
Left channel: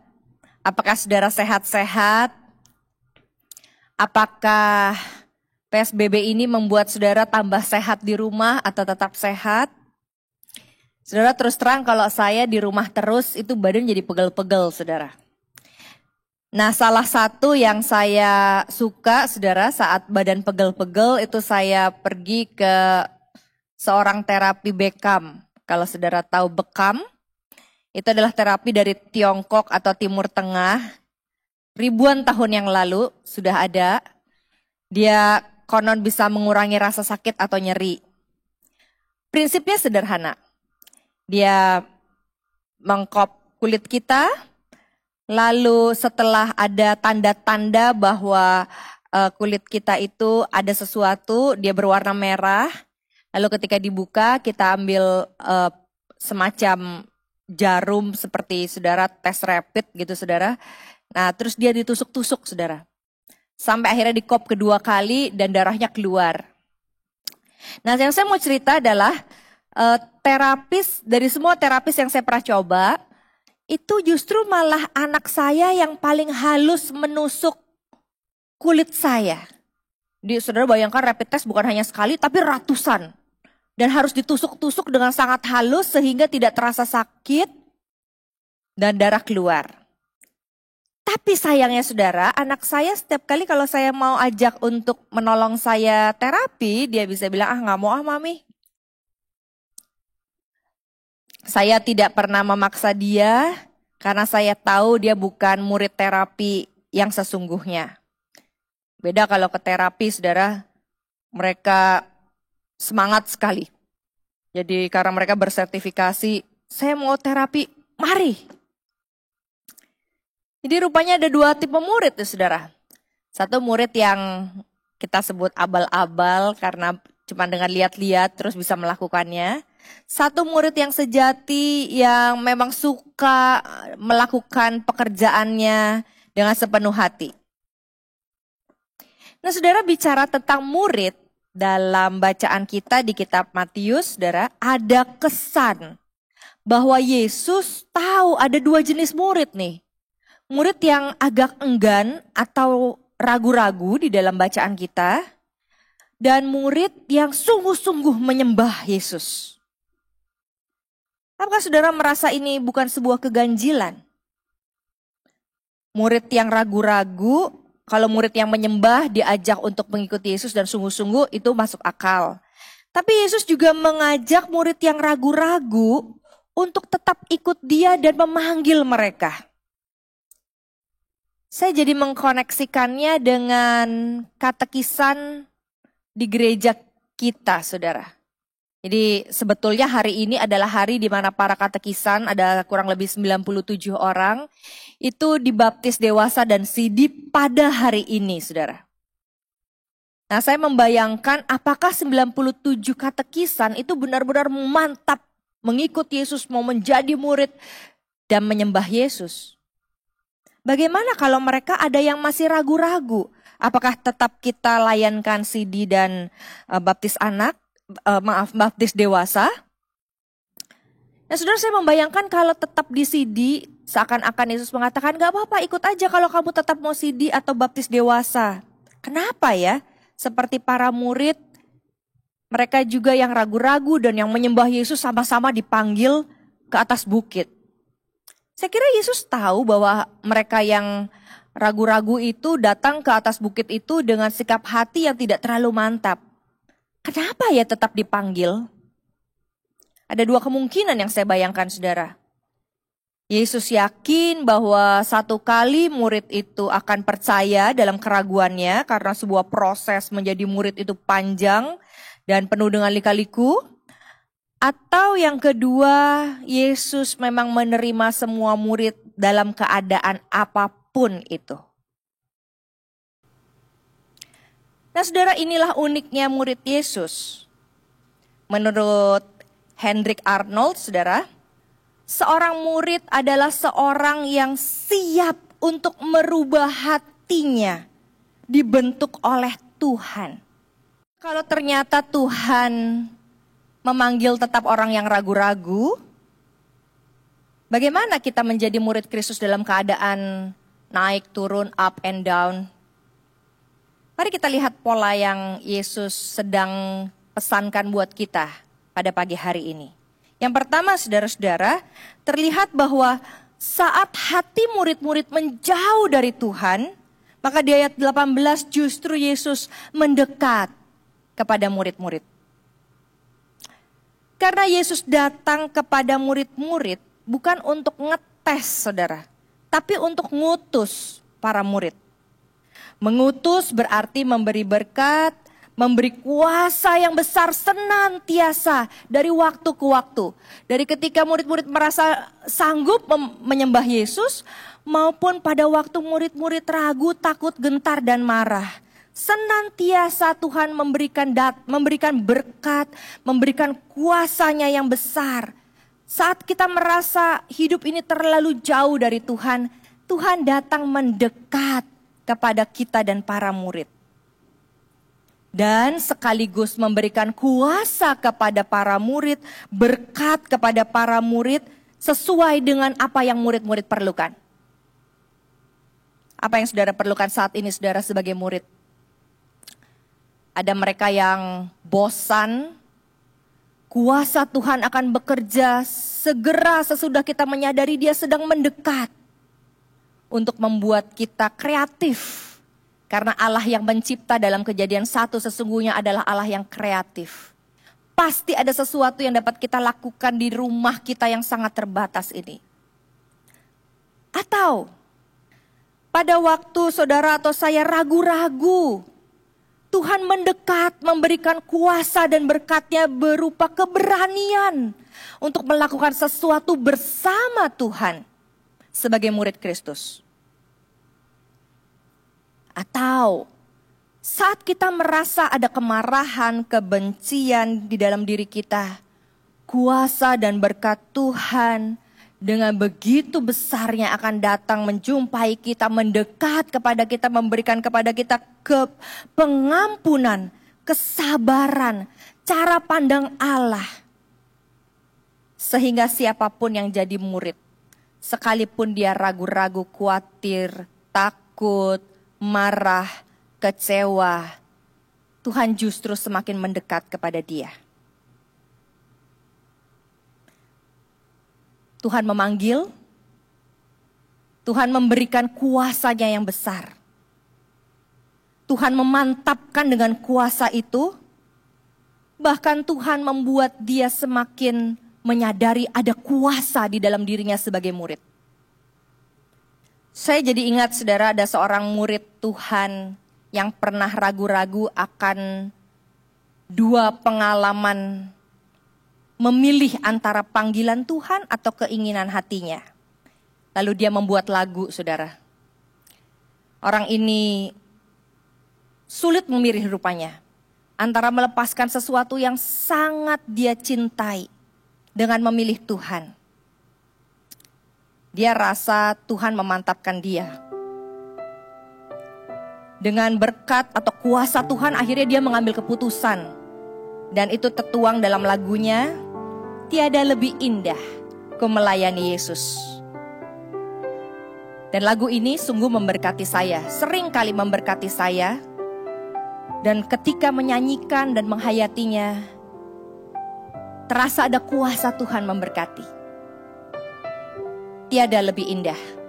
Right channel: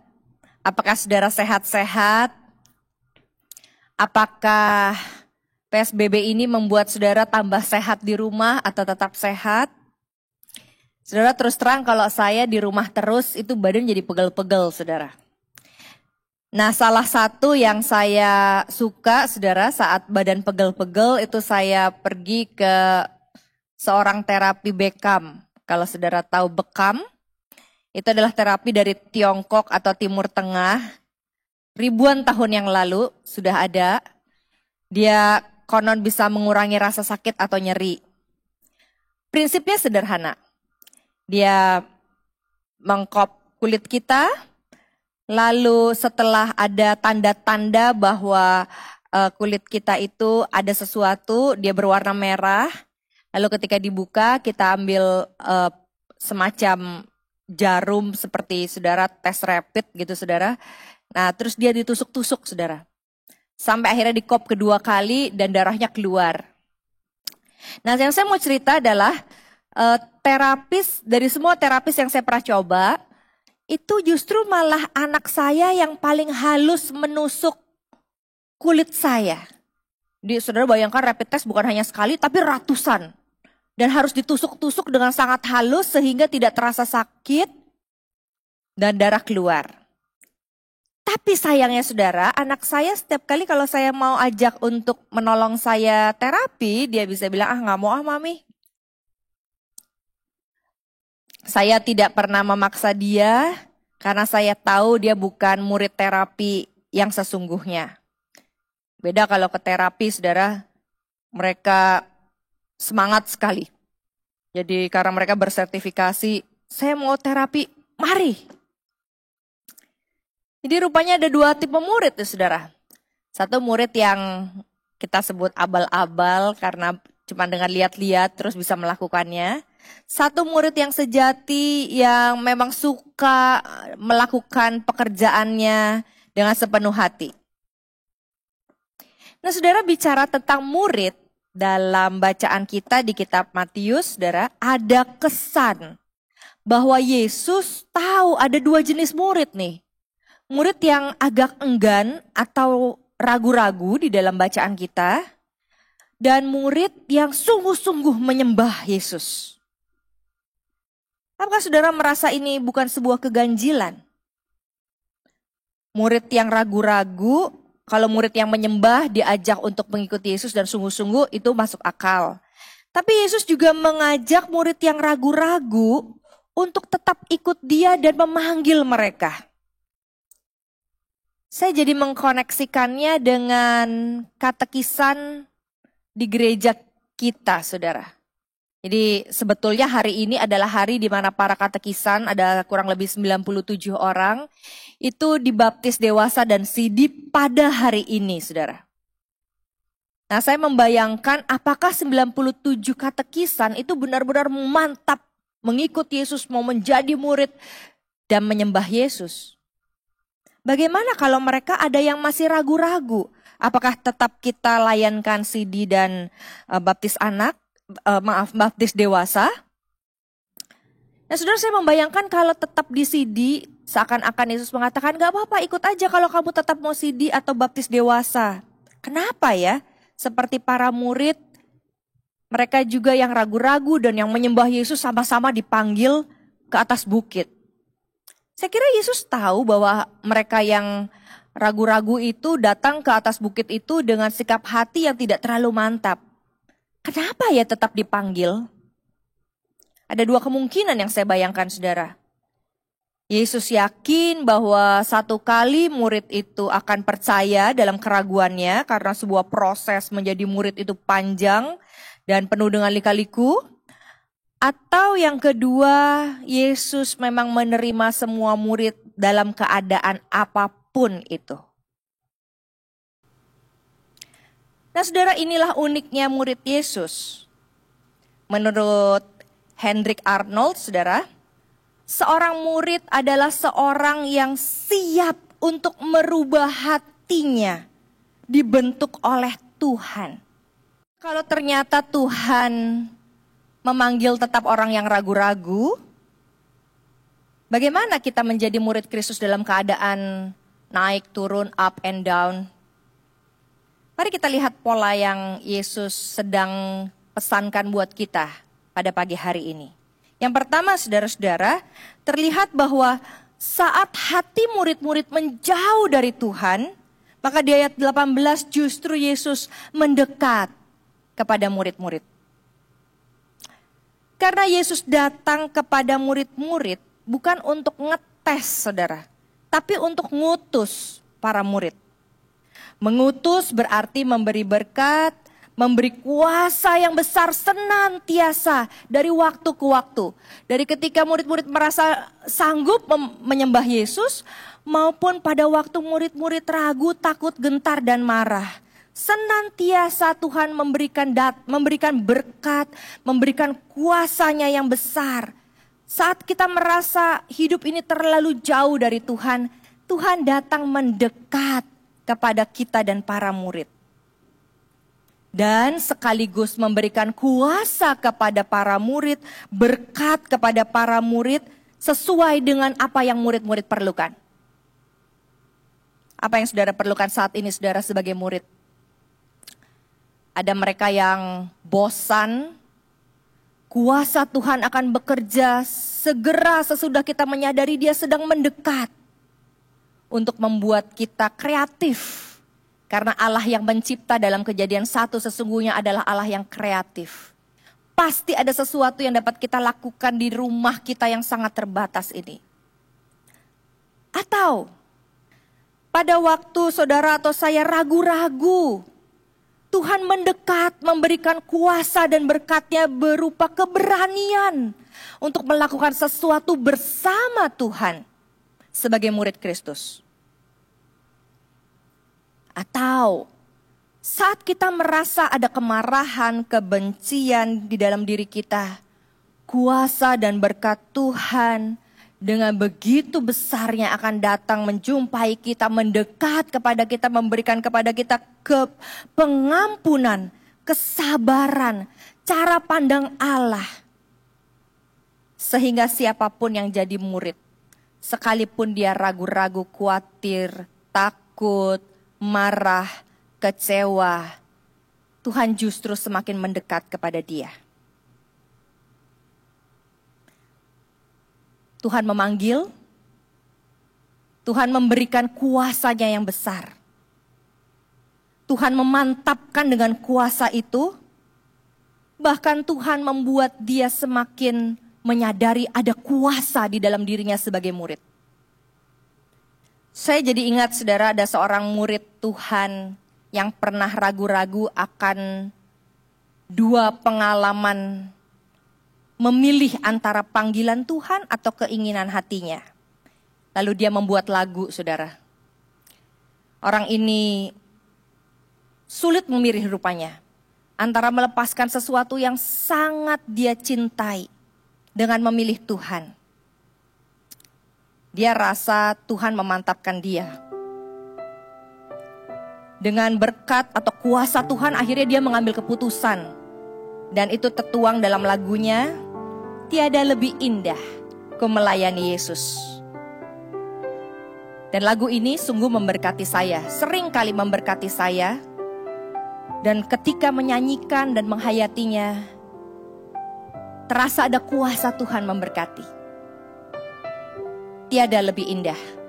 Apakah saudara sehat-sehat? Apakah PSBB ini membuat saudara tambah sehat di rumah atau tetap sehat? Saudara, terus terang kalau saya di rumah terus itu badan jadi pegel-pegel, saudara. Nah, salah satu yang saya suka, saudara, saat badan pegel-pegel itu saya pergi ke seorang terapi Bekam. Kalau saudara tahu Bekam, itu adalah terapi dari Tiongkok atau Timur Tengah. Ribuan tahun yang lalu sudah ada. Dia konon bisa mengurangi rasa sakit atau nyeri. Prinsipnya sederhana. Dia mengkop kulit kita. Lalu setelah ada tanda-tanda bahwa kulit kita itu ada sesuatu, dia berwarna merah. Lalu ketika dibuka kita ambil semacam jarum seperti saudara tes rapid gitu saudara. Nah terus dia ditusuk-tusuk saudara. Sampai akhirnya dikop kedua kali dan darahnya keluar. Nah yang saya mau cerita adalah terapis, dari semua terapis yang saya pernah coba, itu justru malah anak saya yang paling halus menusuk kulit saya. Jadi saudara bayangkan rapid test bukan hanya sekali tapi ratusan. Dan harus ditusuk-tusuk dengan sangat halus sehingga tidak terasa sakit dan darah keluar. Tapi sayangnya saudara, anak saya setiap kali kalau saya mau ajak untuk menolong saya terapi, dia bisa bilang, nggak mau mami. Saya tidak pernah memaksa dia karena saya tahu dia bukan murid terapi yang sesungguhnya. Beda kalau ke terapi saudara, mereka semangat sekali. Jadi karena mereka bersertifikasi, saya mau terapi, mari. Jadi rupanya ada dua tipe murid tuh saudara. Satu murid yang kita sebut abal-abal karena cuma dengan lihat-lihat terus bisa melakukannya. Satu murid yang sejati yang memang suka melakukan pekerjaannya dengan sepenuh hati. Nah saudara, bicara tentang murid dalam bacaan kita di kitab Matius, saudara, ada kesan bahwa Yesus tahu ada dua jenis murid nih. Murid yang agak enggan atau ragu-ragu di dalam bacaan kita. dan murid yang sungguh-sungguh menyembah Yesus. Apakah saudara merasa ini bukan sebuah keganjilan? Murid yang ragu-ragu, kalau murid yang menyembah diajak untuk mengikuti Yesus dan sungguh-sungguh, itu masuk akal. Tapi Yesus juga mengajak murid yang ragu-ragu untuk tetap ikut dia dan memanggil mereka. Saya jadi mengkoneksikannya dengan katekisan di gereja kita, saudara. Jadi sebetulnya hari ini adalah hari di mana para katekisan, ada kurang lebih 97 orang, itu dibaptis dewasa dan sidi pada hari ini, saudara. Nah, saya membayangkan apakah 97 katekisan itu benar-benar mantap mengikut Yesus, mau menjadi murid dan menyembah Yesus. Bagaimana kalau mereka ada yang masih ragu-ragu? Apakah tetap kita layankan sidi dan baptis dewasa? Nah, saudara, saya membayangkan kalau tetap di sidi, seakan-akan Yesus mengatakan, gak apa-apa, ikut aja kalau kamu tetap mau sidi atau baptis dewasa. Kenapa ya? Seperti para murid, mereka juga yang ragu-ragu dan yang menyembah Yesus sama-sama dipanggil ke atas bukit. Saya kira Yesus tahu bahwa mereka yang ragu-ragu itu datang ke atas bukit itu dengan sikap hati yang tidak terlalu mantap. Kenapa ya tetap dipanggil? Ada dua kemungkinan yang saya bayangkan, saudara. Yesus yakin bahwa satu kali murid itu akan percaya dalam keraguannya karena sebuah proses menjadi murid itu panjang dan penuh dengan lika-liku. Atau yang kedua, Yesus memang menerima semua murid dalam keadaan apapun itu. Nah, saudara, inilah uniknya murid Yesus. Menurut Hendrik Arnold, saudara, seorang murid adalah seorang yang siap untuk merubah hatinya, dibentuk oleh Tuhan. Kalau ternyata Tuhan memanggil tetap orang yang ragu-ragu, bagaimana kita menjadi murid Kristus dalam keadaan naik, turun, up and down? Mari kita lihat pola yang Yesus sedang pesankan buat kita pada pagi hari ini. Yang pertama, saudara-saudara, terlihat bahwa saat hati murid-murid menjauh dari Tuhan, maka di ayat 18 justru Yesus mendekat kepada murid-murid. Karena Yesus datang kepada murid-murid bukan untuk ngetes, saudara, tapi untuk ngutus para murid. Mengutus berarti memberi berkat, memberi kuasa yang besar senantiasa dari waktu ke waktu. Dari ketika murid-murid merasa sanggup menyembah Yesus, maupun pada waktu murid-murid ragu, takut, gentar, dan marah. Senantiasa Tuhan memberikan berkat, memberikan kuasanya yang besar. Saat kita merasa hidup ini terlalu jauh dari Tuhan, Tuhan datang mendekat kepada kita dan para murid. Dan sekaligus memberikan kuasa kepada para murid, berkat kepada para murid sesuai dengan apa yang murid-murid perlukan. Apa yang saudara perlukan saat ini, saudara, sebagai murid? Ada mereka yang bosan, kuasa Tuhan akan bekerja segera sesudah kita menyadari Dia sedang mendekat untuk membuat kita kreatif. Karena Allah yang mencipta dalam Kejadian 1 sesungguhnya adalah Allah yang kreatif. Pasti ada sesuatu yang dapat kita lakukan di rumah kita yang sangat terbatas ini. Atau pada waktu saudara atau saya ragu-ragu, Tuhan mendekat, memberikan kuasa dan berkat-Nya berupa keberanian untuk melakukan sesuatu bersama Tuhan sebagai murid Kristus. Atau saat kita merasa ada kemarahan, kebencian di dalam diri kita, kuasa dan berkat Tuhan dengan begitu besarnya akan datang menjumpai kita, mendekat kepada kita, memberikan kepada kita pengampunan, kesabaran, cara pandang Allah. Sehingga siapapun yang jadi murid, sekalipun dia ragu-ragu, khawatir, takut, marah, kecewa, Tuhan justru semakin mendekat kepada dia. Tuhan memanggil, Tuhan memberikan kuasa-Nya yang besar. Tuhan memantapkan dengan kuasa itu, bahkan Tuhan membuat dia semakin menyadari ada kuasa di dalam dirinya sebagai murid. Saya jadi ingat, saudara, ada seorang murid Tuhan yang pernah ragu-ragu akan dua pengalaman memilih antara panggilan Tuhan atau keinginan hatinya. Lalu dia membuat lagu, saudara. Orang ini sulit memilih rupanya antara melepaskan sesuatu yang sangat dia cintai dengan memilih Tuhan. Dia rasa Tuhan memantapkan dia. Dengan berkat atau kuasa Tuhan, akhirnya dia mengambil keputusan. Dan itu tertuang dalam lagunya, "Tiada lebih indah ku melayani Yesus." Dan lagu ini sungguh memberkati saya, sering kali memberkati saya. Dan ketika menyanyikan dan menghayatinya, terasa ada kuasa Tuhan memberkati. Tiada lebih indah.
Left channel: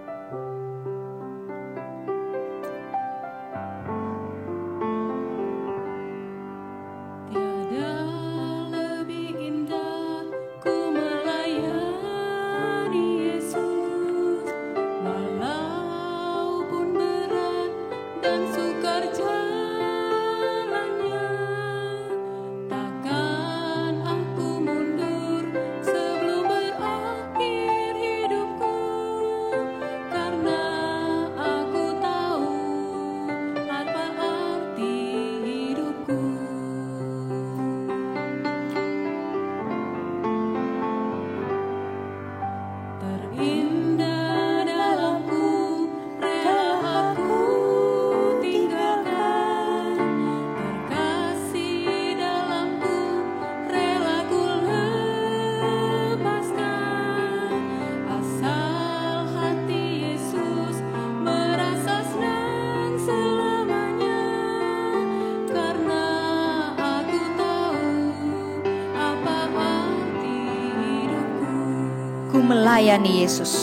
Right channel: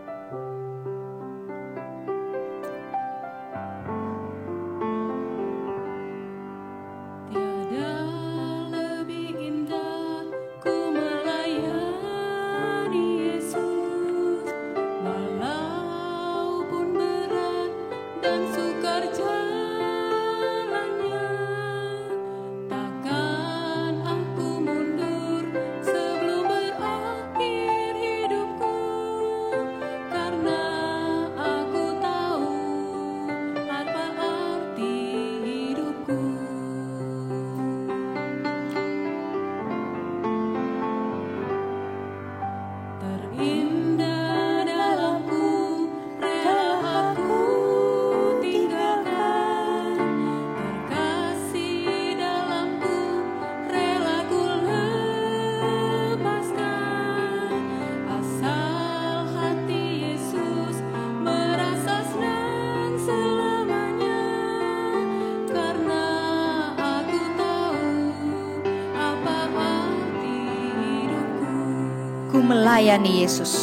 Ku melayani Yesus.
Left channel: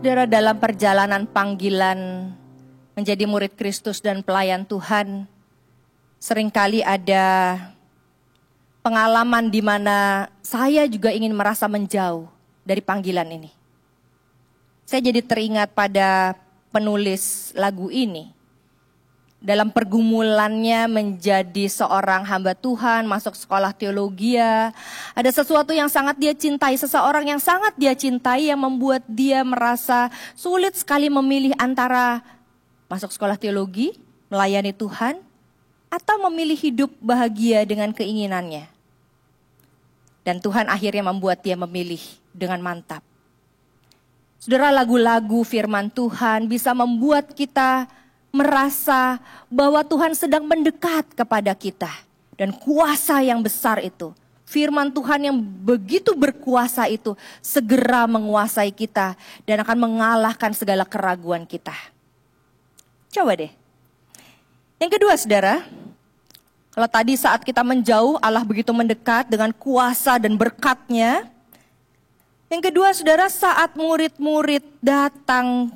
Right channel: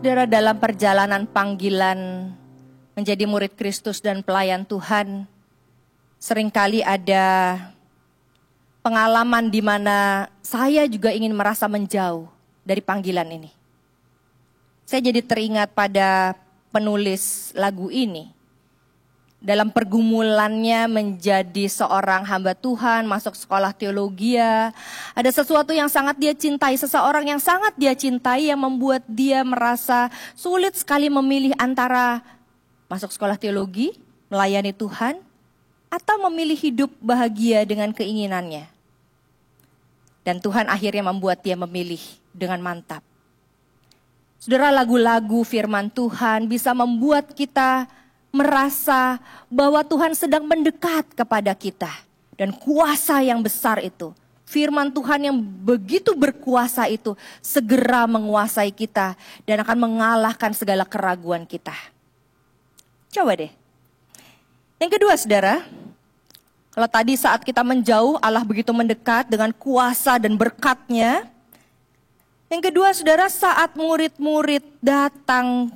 Saudara, dalam perjalanan panggilan menjadi murid Kristus dan pelayan Tuhan, seringkali ada pengalaman di mana saya juga ingin merasa menjauh dari panggilan ini. Saya jadi teringat pada penulis lagu ini. Dalam pergumulannya menjadi seorang hamba Tuhan, masuk sekolah teologi, ada sesuatu yang sangat dia cintai, seseorang yang sangat dia cintai yang membuat dia merasa sulit sekali memilih antara masuk sekolah teologi, melayani Tuhan, atau memilih hidup bahagia dengan keinginannya. Dan Tuhan akhirnya membuat dia memilih dengan mantap. Saudara, lagu-lagu firman Tuhan bisa membuat kita merasa bahwa Tuhan sedang mendekat kepada kita. Dan kuasa yang besar itu, firman Tuhan yang begitu berkuasa itu, segera menguasai kita dan akan mengalahkan segala keraguan kita. Coba deh. Yang kedua, saudara, kalau tadi saat kita menjauh, Allah begitu mendekat dengan kuasa dan berkat-Nya. Yang kedua, saudara, saat murid-murid datang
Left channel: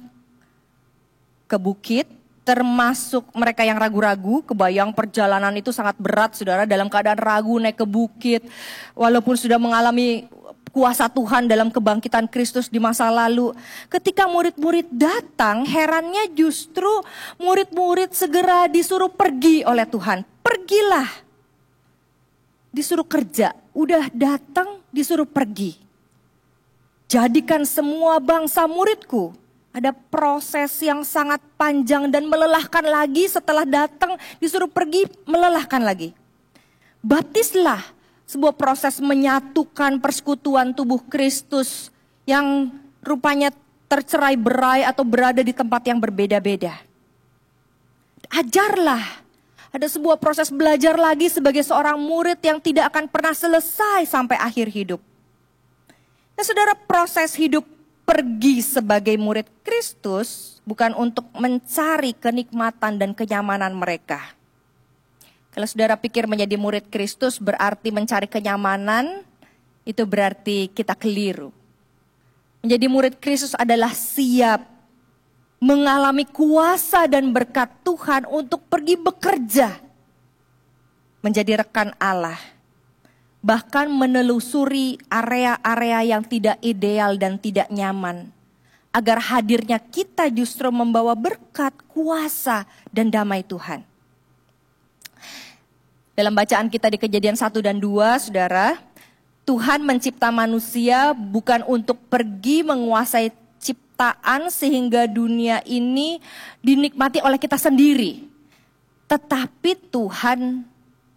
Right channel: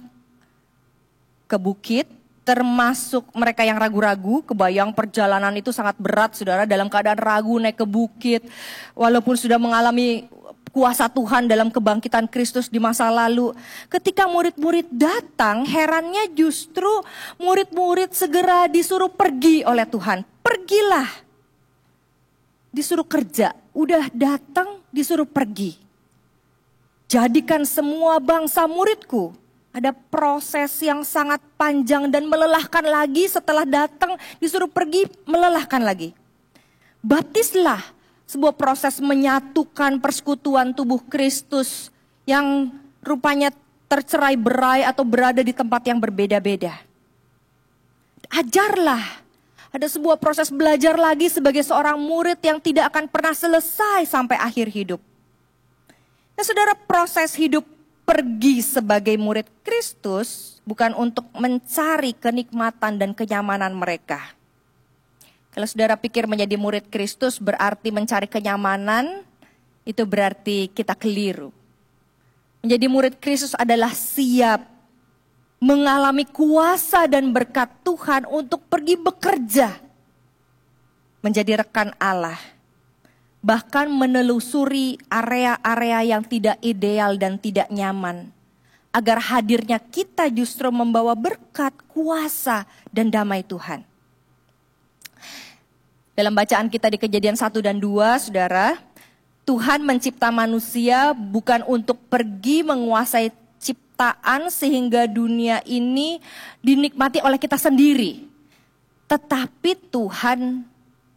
ke bukit, termasuk mereka yang ragu-ragu, kebayang perjalanan itu sangat berat, saudara, dalam keadaan ragu naik ke bukit, walaupun sudah mengalami kuasa Tuhan dalam kebangkitan Kristus di masa lalu. Ketika murid-murid datang, herannya justru murid-murid segera disuruh pergi oleh Tuhan. Pergilah, disuruh kerja, udah datang disuruh pergi. Jadikan semua bangsa muridku. Ada proses yang sangat panjang dan melelahkan lagi. Setelah datang disuruh pergi, melelahkan lagi. Baptislah, sebuah proses menyatukan persekutuan tubuh Kristus yang rupanya tercerai berai atau berada di tempat yang berbeda-beda. Ajarlah, ada sebuah proses belajar lagi sebagai seorang murid yang tidak akan pernah selesai sampai akhir hidup. Nah saudara, proses hidup pergi sebagai murid Kristus bukan untuk mencari kenikmatan dan kenyamanan mereka. Kalau saudara pikir menjadi murid Kristus berarti mencari kenyamanan, itu berarti kita keliru. Menjadi murid Kristus adalah siap mengalami kuasa dan berkat Tuhan untuk pergi bekerja, menjadi rekan Allah. Bahkan menelusuri area-area yang tidak ideal dan tidak nyaman. Agar hadirnya kita justru membawa berkat, kuasa, dan damai Tuhan. Dalam bacaan kita di Kejadian 1 dan 2, saudara, Tuhan mencipta manusia bukan untuk pergi menguasai ciptaan sehingga dunia ini dinikmati oleh kita sendiri. Tetapi Tuhan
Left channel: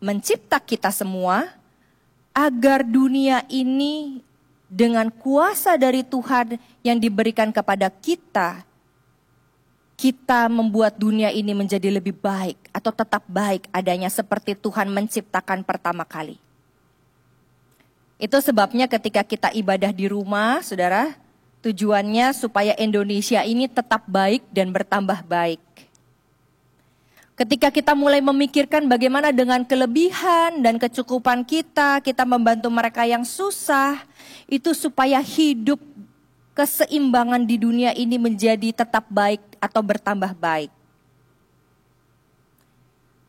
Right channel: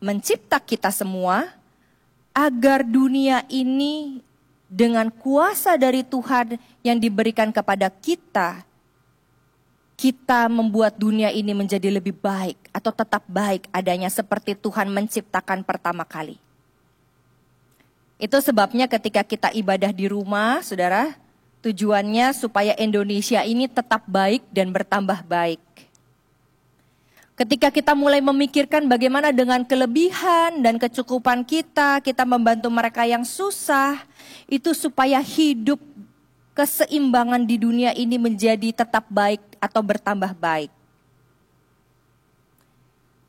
mencipta kita semua agar dunia ini dengan kuasa dari Tuhan yang diberikan kepada kita, kita membuat dunia ini menjadi lebih baik atau tetap baik adanya seperti Tuhan menciptakan pertama kali. Itu sebabnya ketika kita ibadah di rumah, saudara, tujuannya supaya Indonesia ini tetap baik dan bertambah baik. Ketika kita mulai memikirkan bagaimana dengan kelebihan dan kecukupan kita membantu mereka yang susah, itu supaya hidup keseimbangan di dunia ini menjadi tetap baik atau bertambah baik.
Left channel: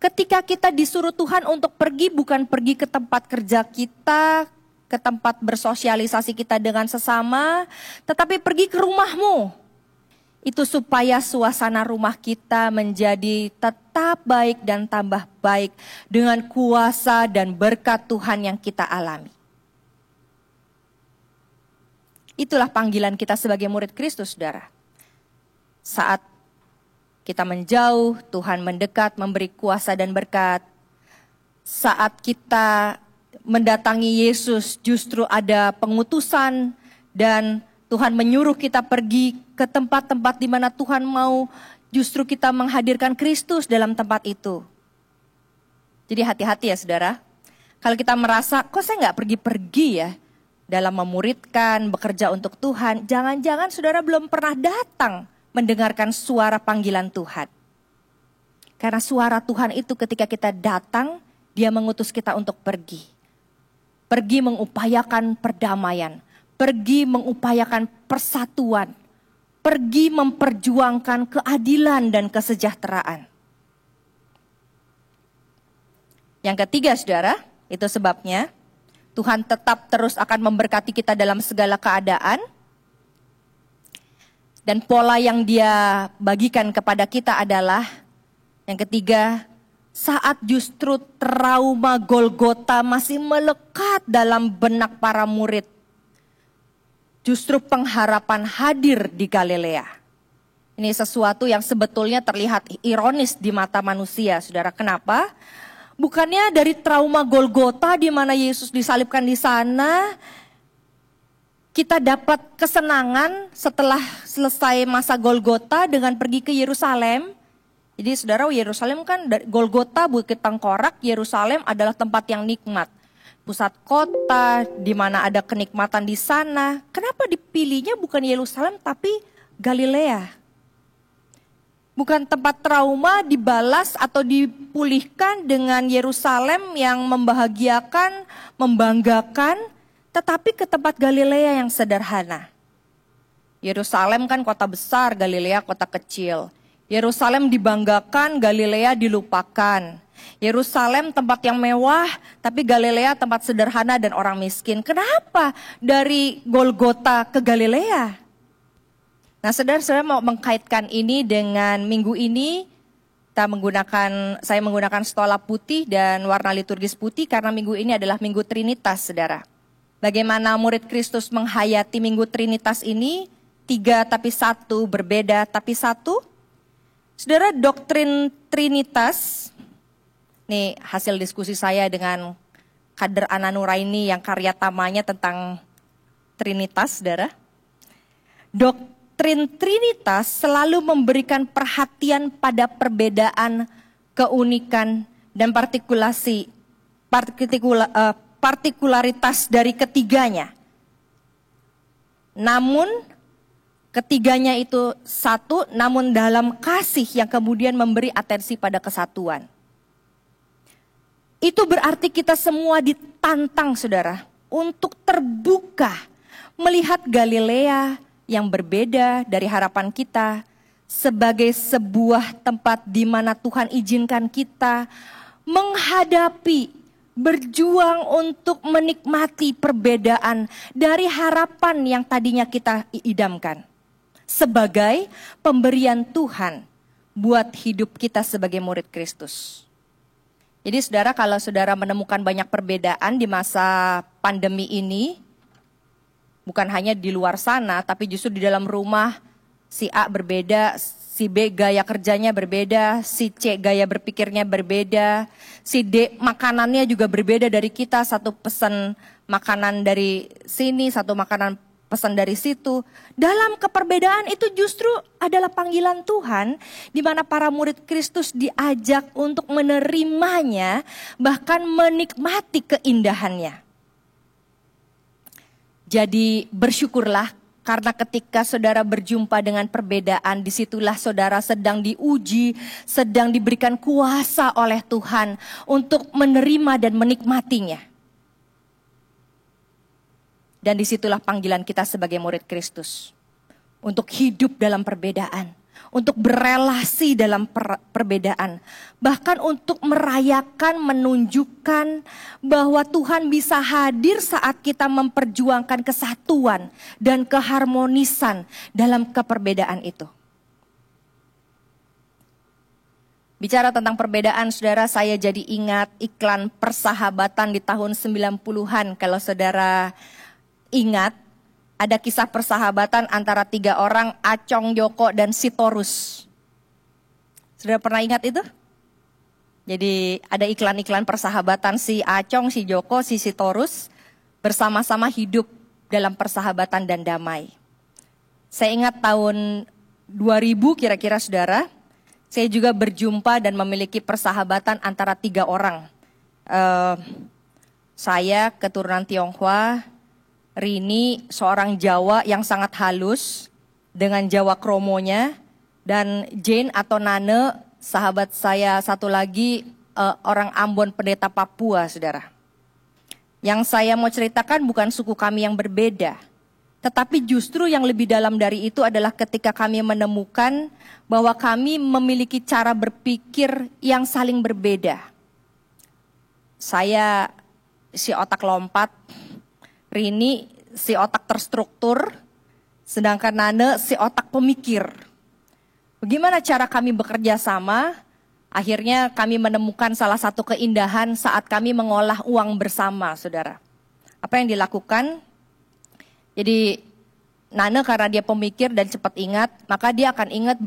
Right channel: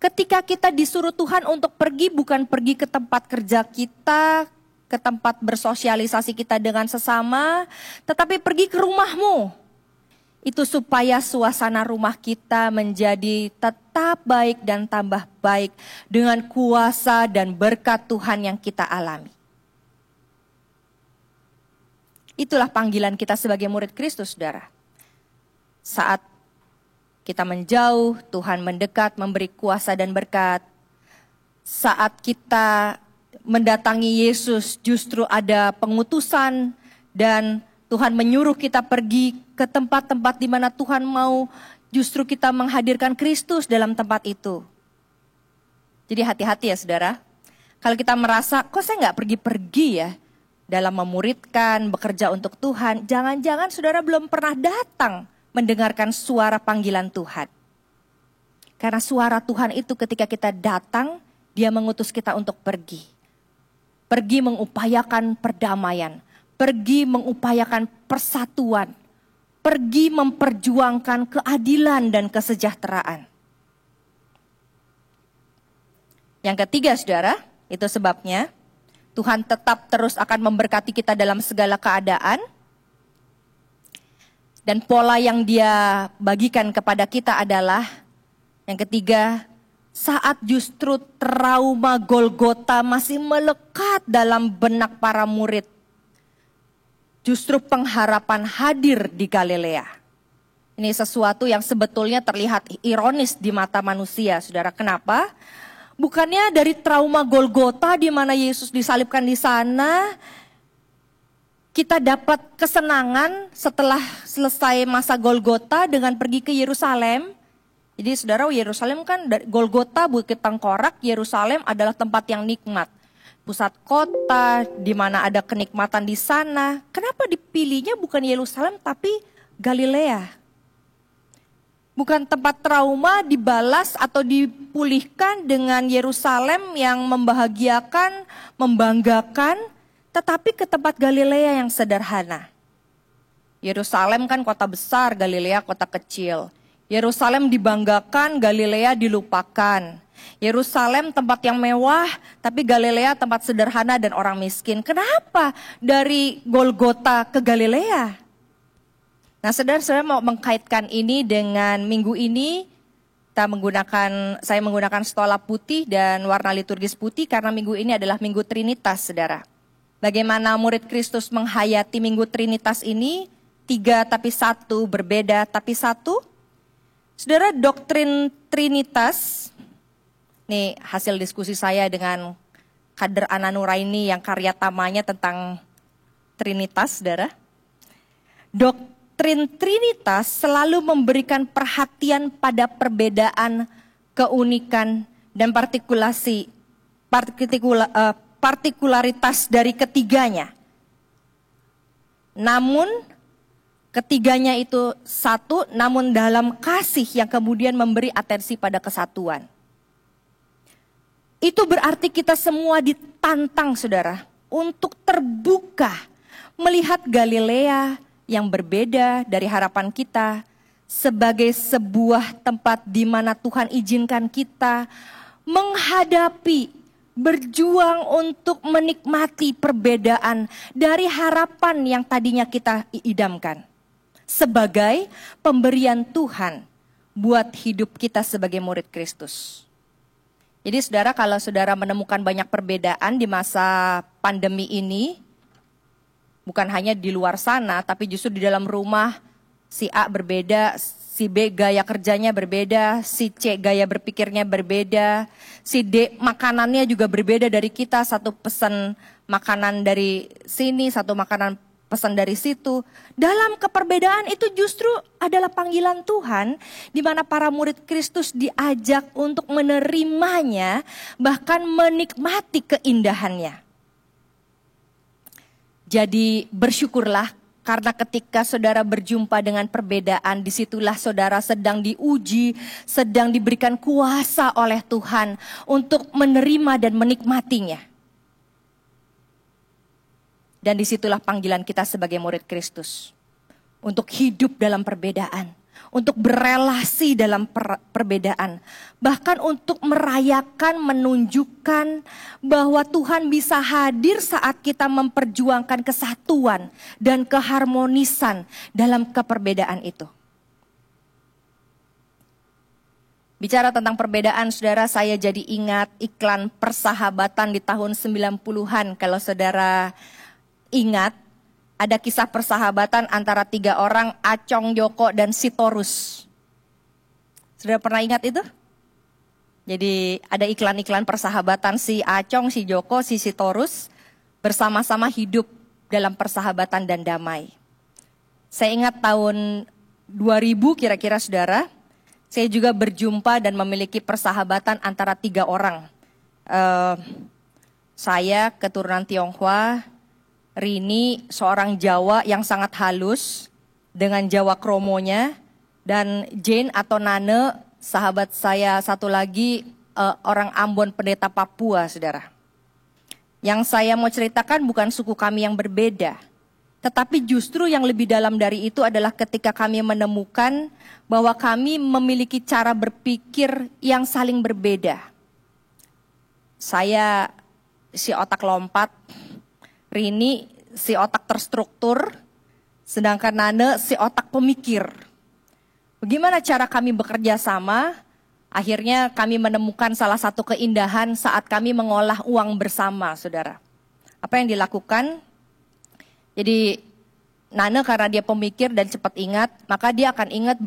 Ketika kita disuruh Tuhan untuk pergi, bukan pergi ke tempat kerja kita, ke tempat bersosialisasi kita dengan sesama, tetapi pergi ke rumahmu. Itu supaya suasana rumah kita menjadi tetap baik dan tambah baik dengan kuasa dan berkat Tuhan yang kita alami. Itulah panggilan kita sebagai murid Kristus, saudara. Saat kita menjauh, Tuhan mendekat, memberi kuasa dan berkat. Saat kita mendatangi Yesus, justru ada pengutusan dan Tuhan menyuruh kita pergi ke tempat-tempat di mana Tuhan mau justru kita menghadirkan Kristus dalam tempat itu. Jadi hati-hati ya saudara. Kalau kita merasa, kok saya gak pergi-pergi ya dalam memuridkan, bekerja untuk Tuhan. Jangan-jangan saudara belum pernah datang mendengarkan suara panggilan Tuhan. Karena suara Tuhan itu ketika kita datang, Dia mengutus kita untuk pergi. Pergi mengupayakan perdamaian. Pergi mengupayakan persatuan. Pergi memperjuangkan keadilan dan kesejahteraan. Yang ketiga saudara, itu sebabnya Tuhan tetap terus akan memberkati kita dalam segala keadaan. Dan pola yang Dia bagikan kepada kita adalah, yang ketiga, saat justru trauma Golgota masih melekat dalam benak para murid, justru pengharapan hadir di Galilea. Ini sesuatu yang sebetulnya terlihat ironis di mata manusia, saudara. Kenapa? Bukannya dari trauma Golgota di mana Yesus disalibkan di sana, kita dapat kesenangan setelah selesai masa Golgota dengan pergi ke Yerusalem. Jadi saudara, Yerusalem kan Golgota, Bukit Tengkorak, Yerusalem adalah tempat yang nikmat. Pusat kota, di mana ada kenikmatan di sana. Kenapa dipilihnya bukan Yerusalem tapi Galilea? Bukan tempat trauma dibalas atau dipulihkan dengan Yerusalem yang membahagiakan, membanggakan, tetapi ke tempat Galilea yang sederhana. Yerusalem kan kota besar, Galilea kota kecil. Yerusalem dibanggakan, Galilea dilupakan. Yerusalem tempat yang mewah, tapi Galilea tempat sederhana dan orang miskin. Kenapa dari Golgota ke Galilea? Nah, saudara, saya mau mengkaitkan ini dengan minggu ini. Saya menggunakan stola putih dan warna liturgis putih karena minggu ini adalah Minggu Trinitas, saudara. Bagaimana murid Kristus menghayati Minggu Trinitas ini? tiga tapi satu, berbeda tapi satu. Saudara, doktrin Trinitas, ini hasil diskusi saya dengan Kader Ana Nuraini yang karya tamanya tentang Trinitas, saudara. Doktrin Trinitas selalu memberikan perhatian pada perbedaan, keunikan, dan partikularitas dari ketiganya. Namun ketiganya itu satu, namun dalam kasih yang kemudian memberi atensi pada kesatuan. Itu berarti kita semua ditantang, saudara, untuk terbuka melihat Galilea yang berbeda dari harapan kita sebagai sebuah tempat di mana Tuhan izinkan kita menghadapi, berjuang untuk menikmati perbedaan dari harapan yang tadinya kita idamkan sebagai pemberian Tuhan buat hidup kita sebagai murid Kristus. Jadi saudara, kalau saudara menemukan banyak perbedaan di masa pandemi ini, bukan hanya di luar sana, tapi justru di dalam rumah, si A berbeda, si B gaya kerjanya berbeda, si C gaya berpikirnya berbeda, si D makanannya juga berbeda dari kita, satu pesan makanan dari sini, satu makanan pesan dari situ. Dalam keperbedaan itu justru adalah panggilan Tuhan, di mana para murid Kristus diajak untuk menerimanya, bahkan menikmati keindahannya. Jadi bersyukurlah, karena ketika saudara berjumpa dengan perbedaan, disitulah saudara sedang diuji, sedang diberikan kuasa oleh Tuhan untuk menerima dan menikmatinya. Dan disitulah panggilan kita sebagai murid Kristus. Untuk hidup dalam perbedaan. Untuk berelasi dalam perbedaan. Bahkan untuk merayakan, menunjukkan bahwa Tuhan bisa hadir saat kita memperjuangkan kesatuan dan keharmonisan dalam keperbedaan itu. Bicara tentang perbedaan, saudara, saya jadi ingat iklan persahabatan di tahun 90-an. Kalau saudara ingat, ada kisah persahabatan antara 3 orang, Acong, Joko, dan Sitorus. Saudara pernah ingat itu? Jadi ada iklan-iklan persahabatan, si Acong, si Joko, si Sitorus bersama-sama hidup dalam persahabatan dan damai. Saya ingat tahun 2000 kira-kira, saudara, saya juga berjumpa dan memiliki persahabatan antara 3 orang. Saya keturunan Tionghoa, Rini seorang Jawa yang sangat halus dengan Jawa kromonya, dan Jane atau Nane sahabat saya satu lagi orang Ambon pendeta Papua, saudara. Yang saya mau ceritakan bukan suku kami yang berbeda, tetapi justru yang lebih dalam dari itu adalah ketika kami menemukan bahwa kami memiliki cara berpikir yang saling berbeda. Saya si otak lompat, Rini si otak terstruktur, sedangkan Nane si otak pemikir. Bagaimana cara kami bekerja sama? Akhirnya kami menemukan salah satu keindahan saat kami mengolah uang bersama, saudara. Apa yang dilakukan? Jadi Nane karena dia pemikir dan cepat ingat, maka dia akan ingat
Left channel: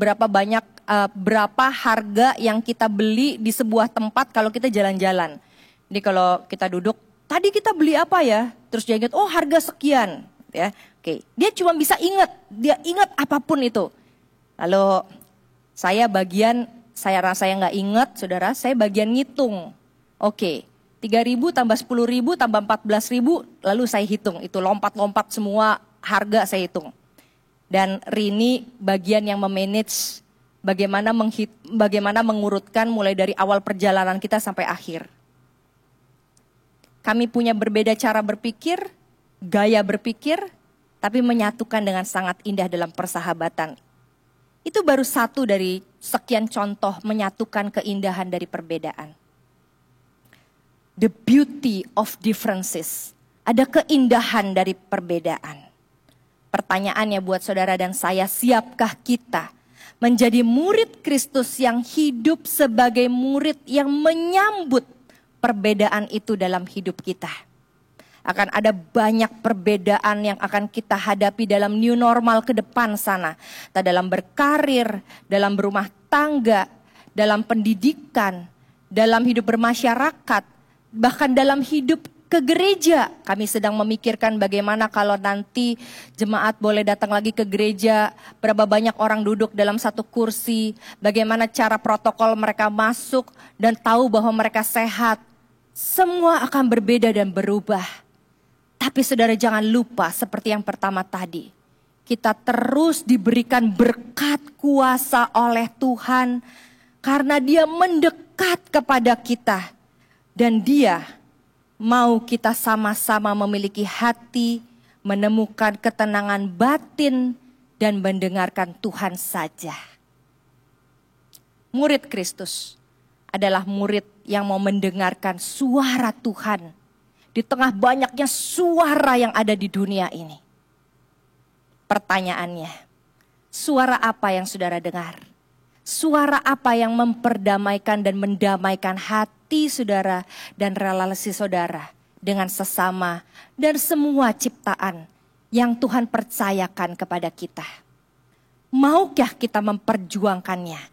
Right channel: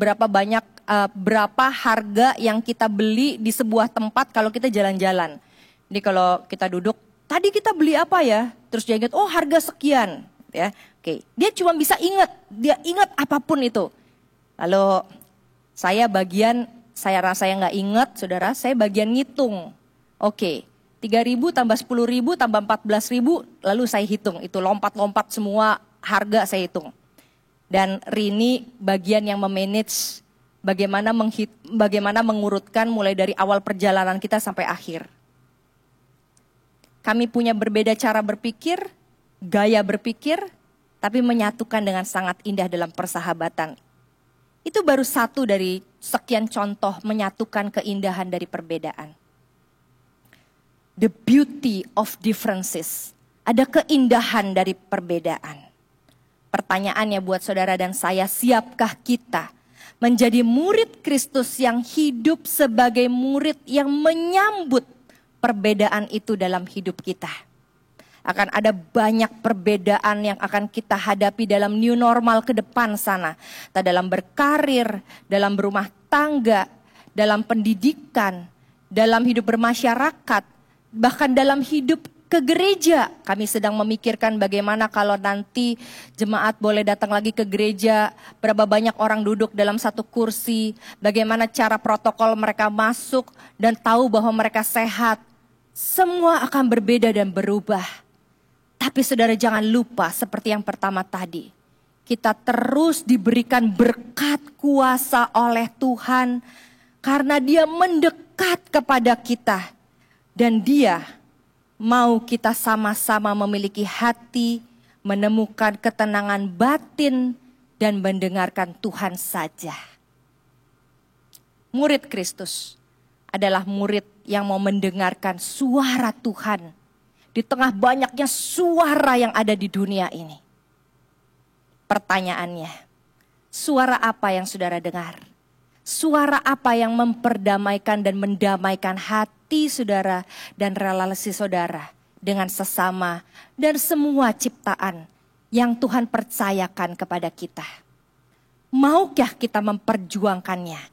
berapa harga yang kita beli di sebuah tempat kalau kita jalan-jalan. Jadi kalau kita duduk, tadi kita beli apa ya? Terus dia ingat, oh harga sekian, ya. Oke, dia cuma bisa ingat, dia ingat apapun itu. Lalu saya rasa nggak ingat, saudara, saya bagian ngitung. Oke, 3.000 tambah 10.000 tambah 14.000, lalu saya hitung. Itu lompat-lompat semua harga saya hitung. Dan Rini bagian yang memanage bagaimana mengurutkan mulai dari awal perjalanan kita sampai akhir. Kami punya berbeda cara berpikir, gaya berpikir, tapi menyatukan dengan sangat indah dalam persahabatan. Itu baru satu dari sekian contoh menyatukan keindahan dari perbedaan. The beauty of differences. Ada keindahan dari perbedaan. Pertanyaannya buat saudara dan saya, siapkah kita menjadi murid Kristus yang hidup sebagai murid yang menyambut perbedaan itu dalam hidup kita? Akan ada banyak perbedaan yang akan kita hadapi dalam new normal ke depan sana. Entah dalam berkarir, dalam berumah tangga, dalam pendidikan, dalam hidup bermasyarakat, bahkan dalam hidup ke gereja. Kami sedang memikirkan bagaimana kalau nanti jemaat boleh datang lagi ke gereja, berapa banyak orang duduk dalam satu kursi, bagaimana cara protokol mereka masuk dan tahu bahwa mereka sehat. Semua akan berbeda dan berubah. Tapi saudara jangan lupa seperti yang pertama tadi, kita terus diberikan berkat kuasa oleh Tuhan karena Dia mendekat kepada kita dan Dia mau kita sama-sama memiliki hati, menemukan ketenangan batin, dan mendengarkan Tuhan saja. Murid Kristus adalah murid yang mau mendengarkan suara Tuhan di tengah banyaknya suara yang ada di dunia ini. Pertanyaannya, suara apa yang saudara dengar? Suara apa yang memperdamaikan dan mendamaikan hati saudara dan relasi saudara dengan sesama dan semua ciptaan yang Tuhan percayakan kepada kita? Maukah kita memperjuangkannya?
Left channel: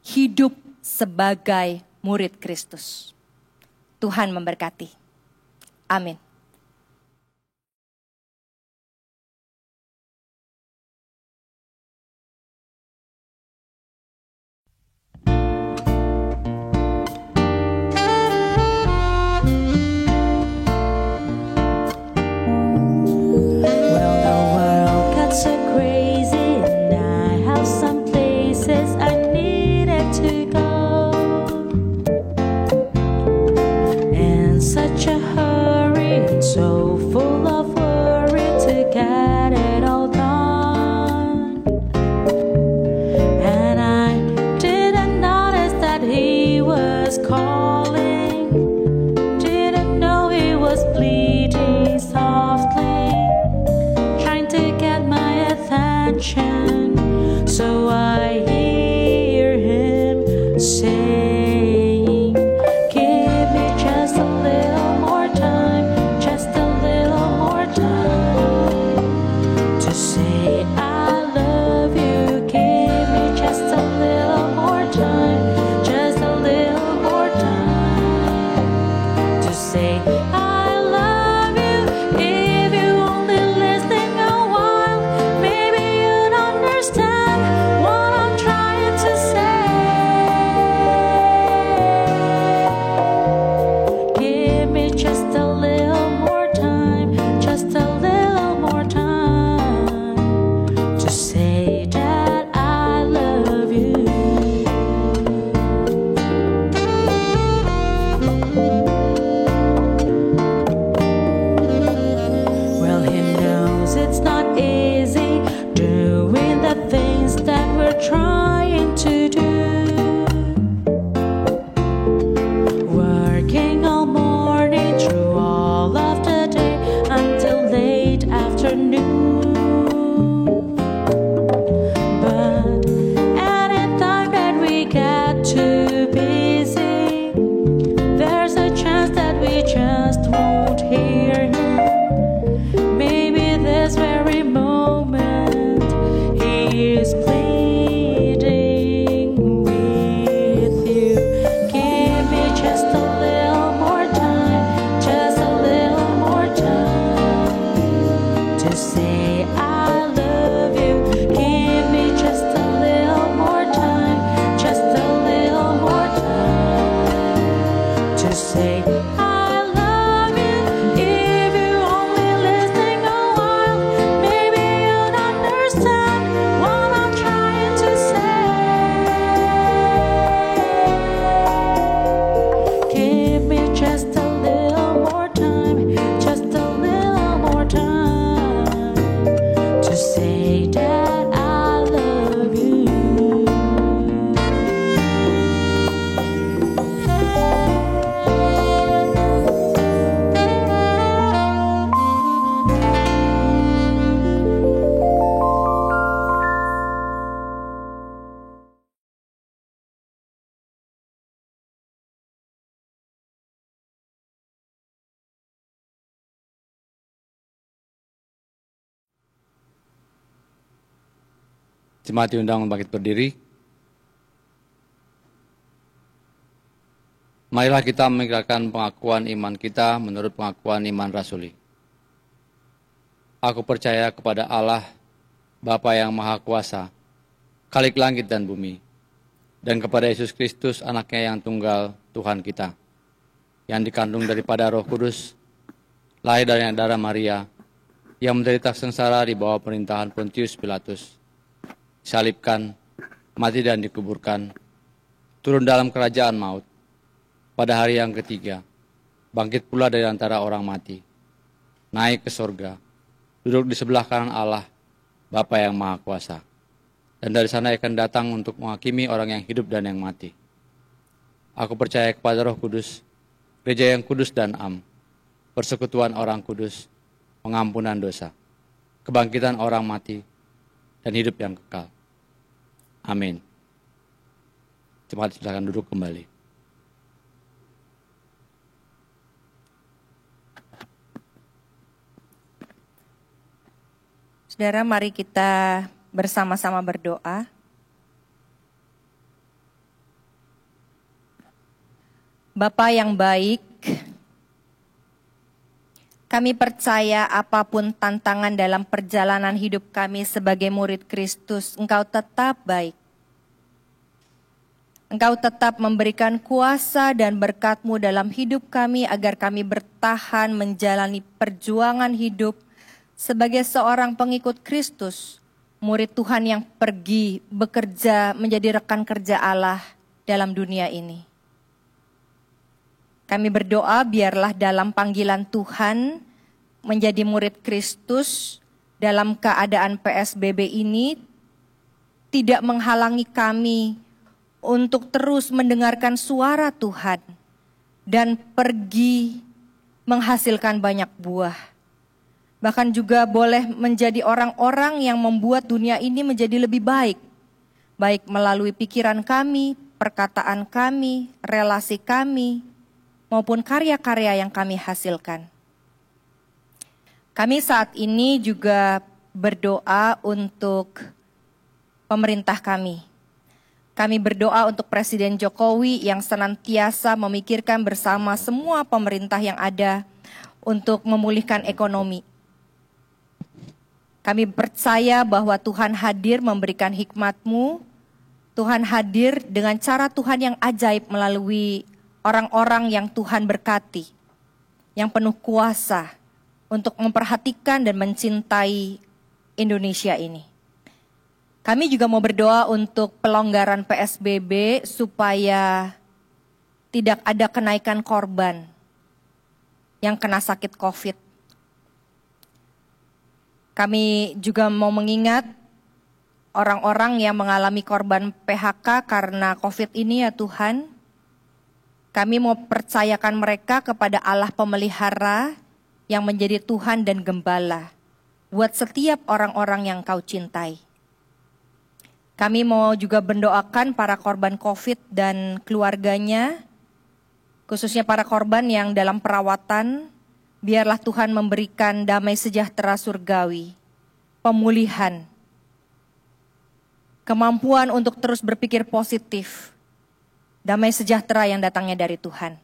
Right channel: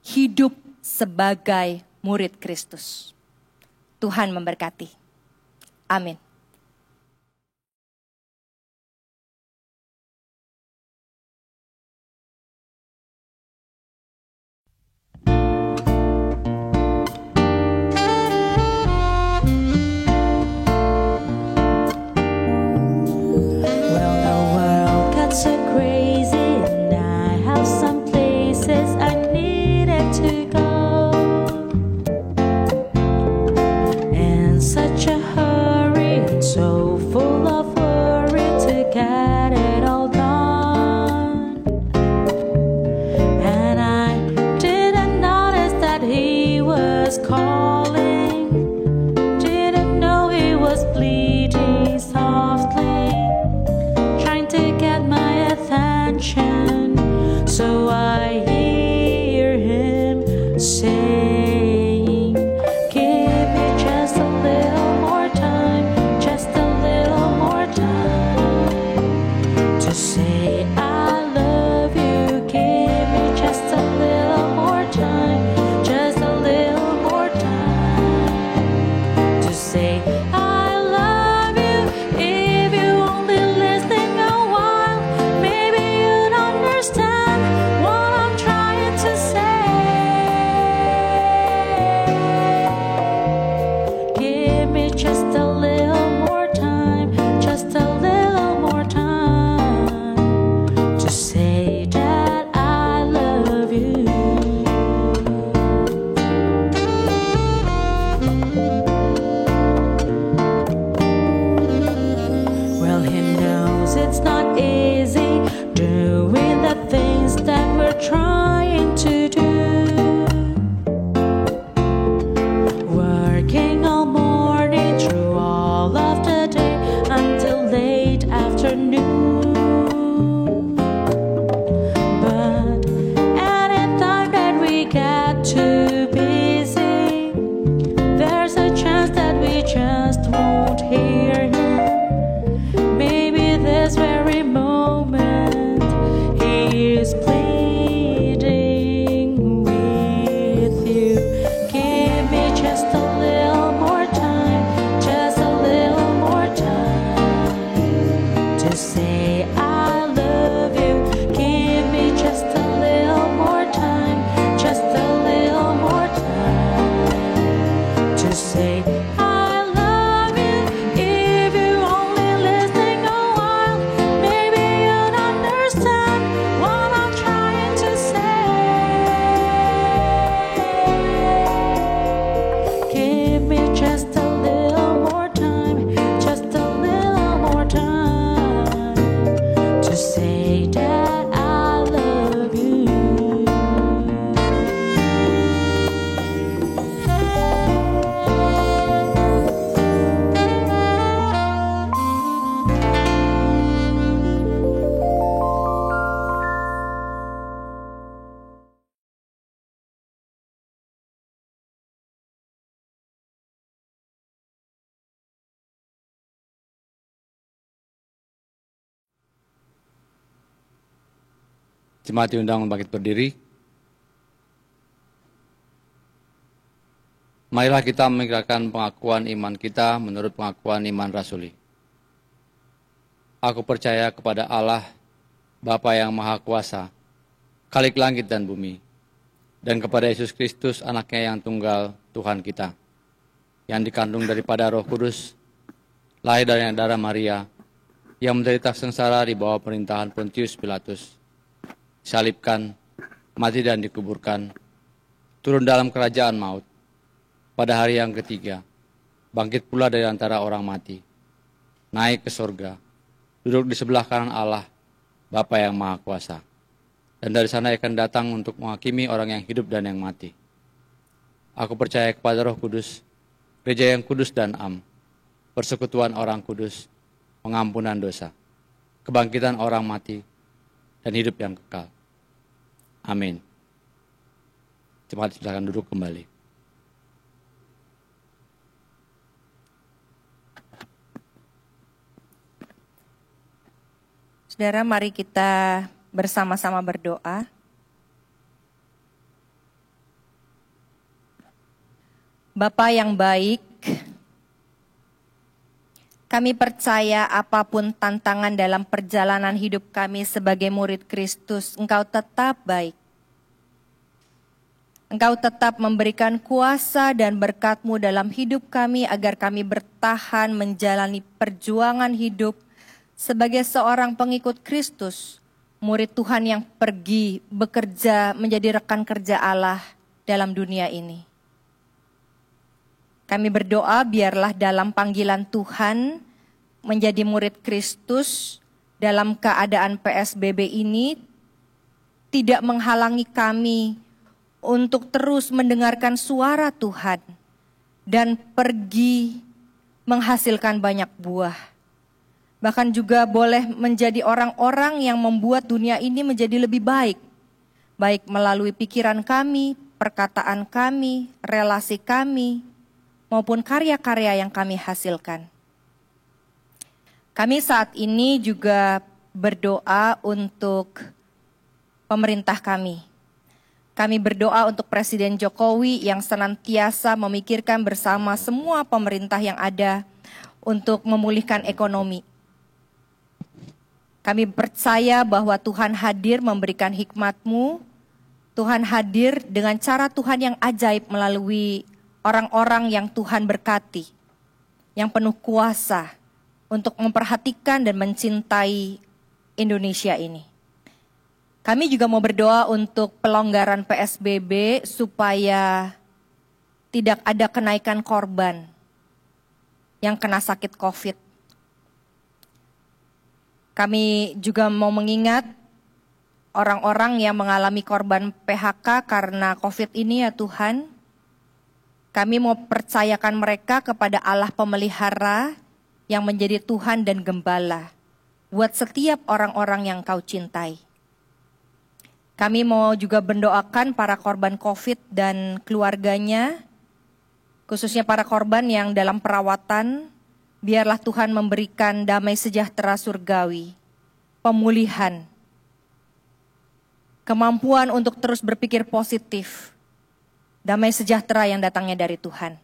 Hidup sebagai murid Kristus. Tuhan memberkati. Amin. So I hear him saying, give me just a little more time, just a little more time to say I love you. Give me just a little more time, just a little more time to say I love you. If you only listen a while, maybe you'd understand what I'm trying to say. Give me just a little more time, just a little more time to say that I love you. Well, he knows it's not easy doing the things that we're trying to do. Working all morning through all of the day until late afternoon. But anytime that we get too busy, there's a chance that we just won't hear him. Maybe this very moment he is pleading with you. Give me just a little more time, just a little more time to say I love you. Give me just a little more time, just a little more time to say I love you. If you only listen a while, maybe you'd understand what I'm trying to say. Give me just a little more time, just a little more time to say that I love you. Jemaat diundang bangkit berdiri. Marilah kita meninggalkan pengakuan iman kita menurut pengakuan iman rasuli. Aku percaya kepada Allah, Bapa yang Maha Kuasa, Khalik langit dan bumi, dan kepada Yesus Kristus, anaknya yang tunggal, Tuhan kita, yang dikandung daripada Roh Kudus, lahir dari darah Maria, yang menderita sengsara di bawah pemerintahan Pontius Pilatus, salibkan, mati dan dikuburkan, turun dalam kerajaan maut, pada hari yang ketiga, bangkit pula dari antara orang mati, naik ke surga, duduk di sebelah kanan Allah, Bapa yang Maha Kuasa, dan dari sana akan datang untuk menghakimi orang yang hidup dan yang mati. Aku percaya kepada Roh Kudus, gereja yang kudus dan am, persekutuan orang kudus, pengampunan dosa, kebangkitan orang mati, dan hidup yang kekal. Amin. Jemaat silakan duduk kembali. Saudara, mari kita bersama-sama berdoa. Bapa yang baik, kami percaya apapun tantangan dalam perjalanan hidup kami sebagai murid Kristus, Engkau tetap baik. Engkau tetap memberikan kuasa dan berkat-Mu dalam hidup kami agar kami bertahan menjalani perjuangan hidup sebagai seorang pengikut Kristus, murid Tuhan yang pergi bekerja menjadi rekan kerja Allah dalam dunia ini. Kami berdoa biarlah dalam panggilan Tuhan menjadi murid Kristus dalam keadaan PSBB ini tidak menghalangi kami untuk terus mendengarkan suara Tuhan dan pergi menghasilkan banyak buah. Bahkan juga boleh menjadi orang-orang yang membuat dunia ini menjadi lebih baik. Baik melalui pikiran kami, perkataan kami, relasi kami, maupun karya-karya yang kami hasilkan. Kami saat ini juga berdoa untuk pemerintah kami. Kami berdoa untuk Presiden Jokowi yang senantiasa memikirkan bersama semua pemerintah yang ada untuk memulihkan ekonomi. Kami percaya bahwa Tuhan hadir memberikan hikmat-Mu. Tuhan hadir dengan cara Tuhan yang ajaib melalui orang-orang yang Tuhan berkati, yang penuh kuasa untuk memperhatikan dan mencintai Indonesia ini. Kami juga mau berdoa untuk pelonggaran PSBB supaya tidak ada kenaikan korban yang kena sakit COVID. Kami juga mau mengingat orang-orang yang mengalami korban PHK karena COVID ini ya Tuhan. Kami mau percayakan mereka kepada Allah pemelihara yang menjadi Tuhan dan Gembala buat setiap orang-orang yang Kau cintai. Kami mau juga mendoakan para korban COVID dan keluarganya, khususnya para korban yang dalam perawatan. Biarlah Tuhan memberikan damai sejahtera surgawi, pemulihan, kemampuan untuk terus berpikir positif, damai sejahtera yang datangnya dari Tuhan.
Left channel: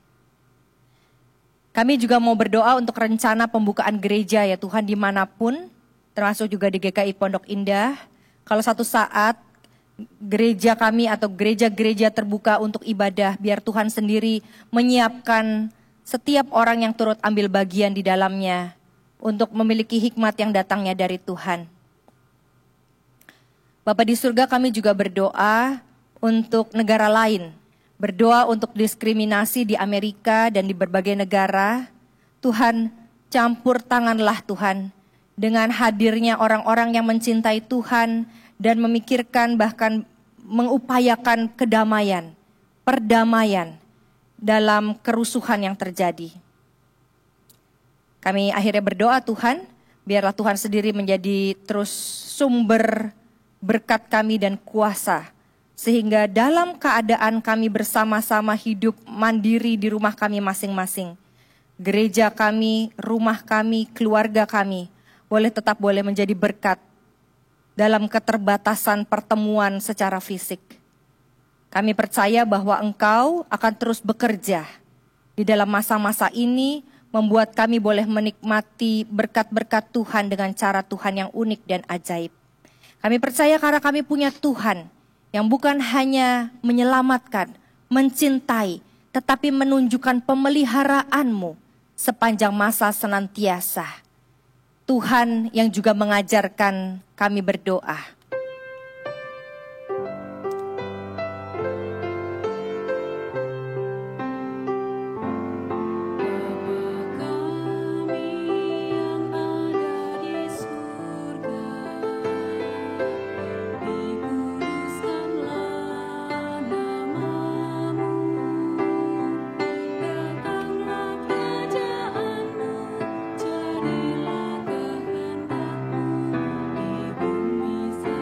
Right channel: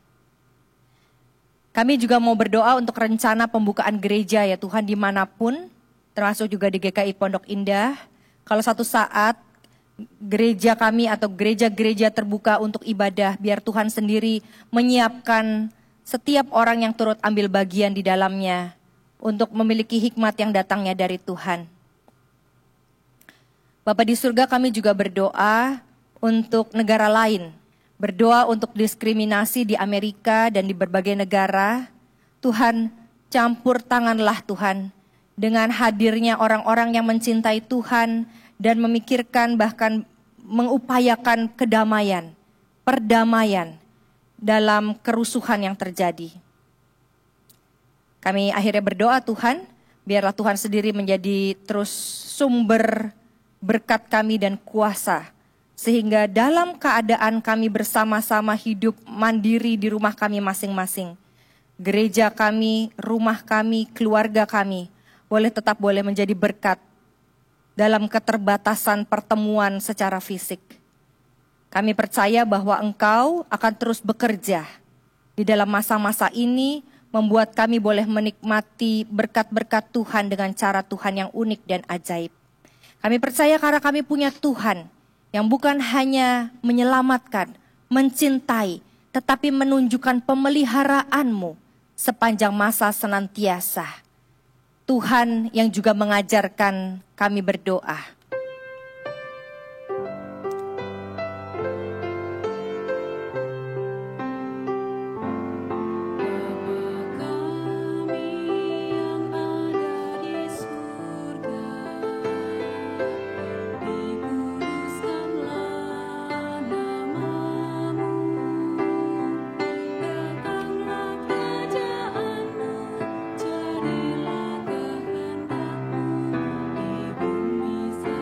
Kami juga mau berdoa untuk rencana pembukaan gereja ya Tuhan dimanapun, termasuk juga di GKI Pondok Indah. Kalau satu saat gereja kami atau gereja-gereja terbuka untuk ibadah, biar Tuhan sendiri menyiapkan setiap orang yang turut ambil bagian di dalamnya untuk memiliki hikmat yang datangnya dari Tuhan. Bapa di surga, kami juga berdoa untuk negara lain. Berdoa untuk diskriminasi di Amerika dan di berbagai negara. Tuhan, campur tanganlah Tuhan dengan hadirnya orang-orang yang mencintai Tuhan dan memikirkan bahkan mengupayakan kedamaian, perdamaian dalam kerusuhan yang terjadi. Kami akhirnya berdoa Tuhan, biarlah Tuhan sendiri menjadi terus sumber berkat kami dan kuasa, sehingga dalam keadaan kami bersama-sama hidup mandiri di rumah kami masing-masing, gereja kami, rumah kami, keluarga kami, boleh menjadi berkat dalam keterbatasan pertemuan secara fisik. Kami percaya bahwa Engkau akan terus bekerja di dalam masa-masa ini, membuat kami boleh menikmati berkat-berkat Tuhan dengan cara Tuhan yang unik dan ajaib. Kami percaya karena kami punya Tuhan yang bukan hanya menyelamatkan, mencintai, tetapi menunjukkan pemeliharaanmu sepanjang masa senantiasa. Tuhan yang juga mengajarkan kami berdoa. Jadilah kehendakmu di bumi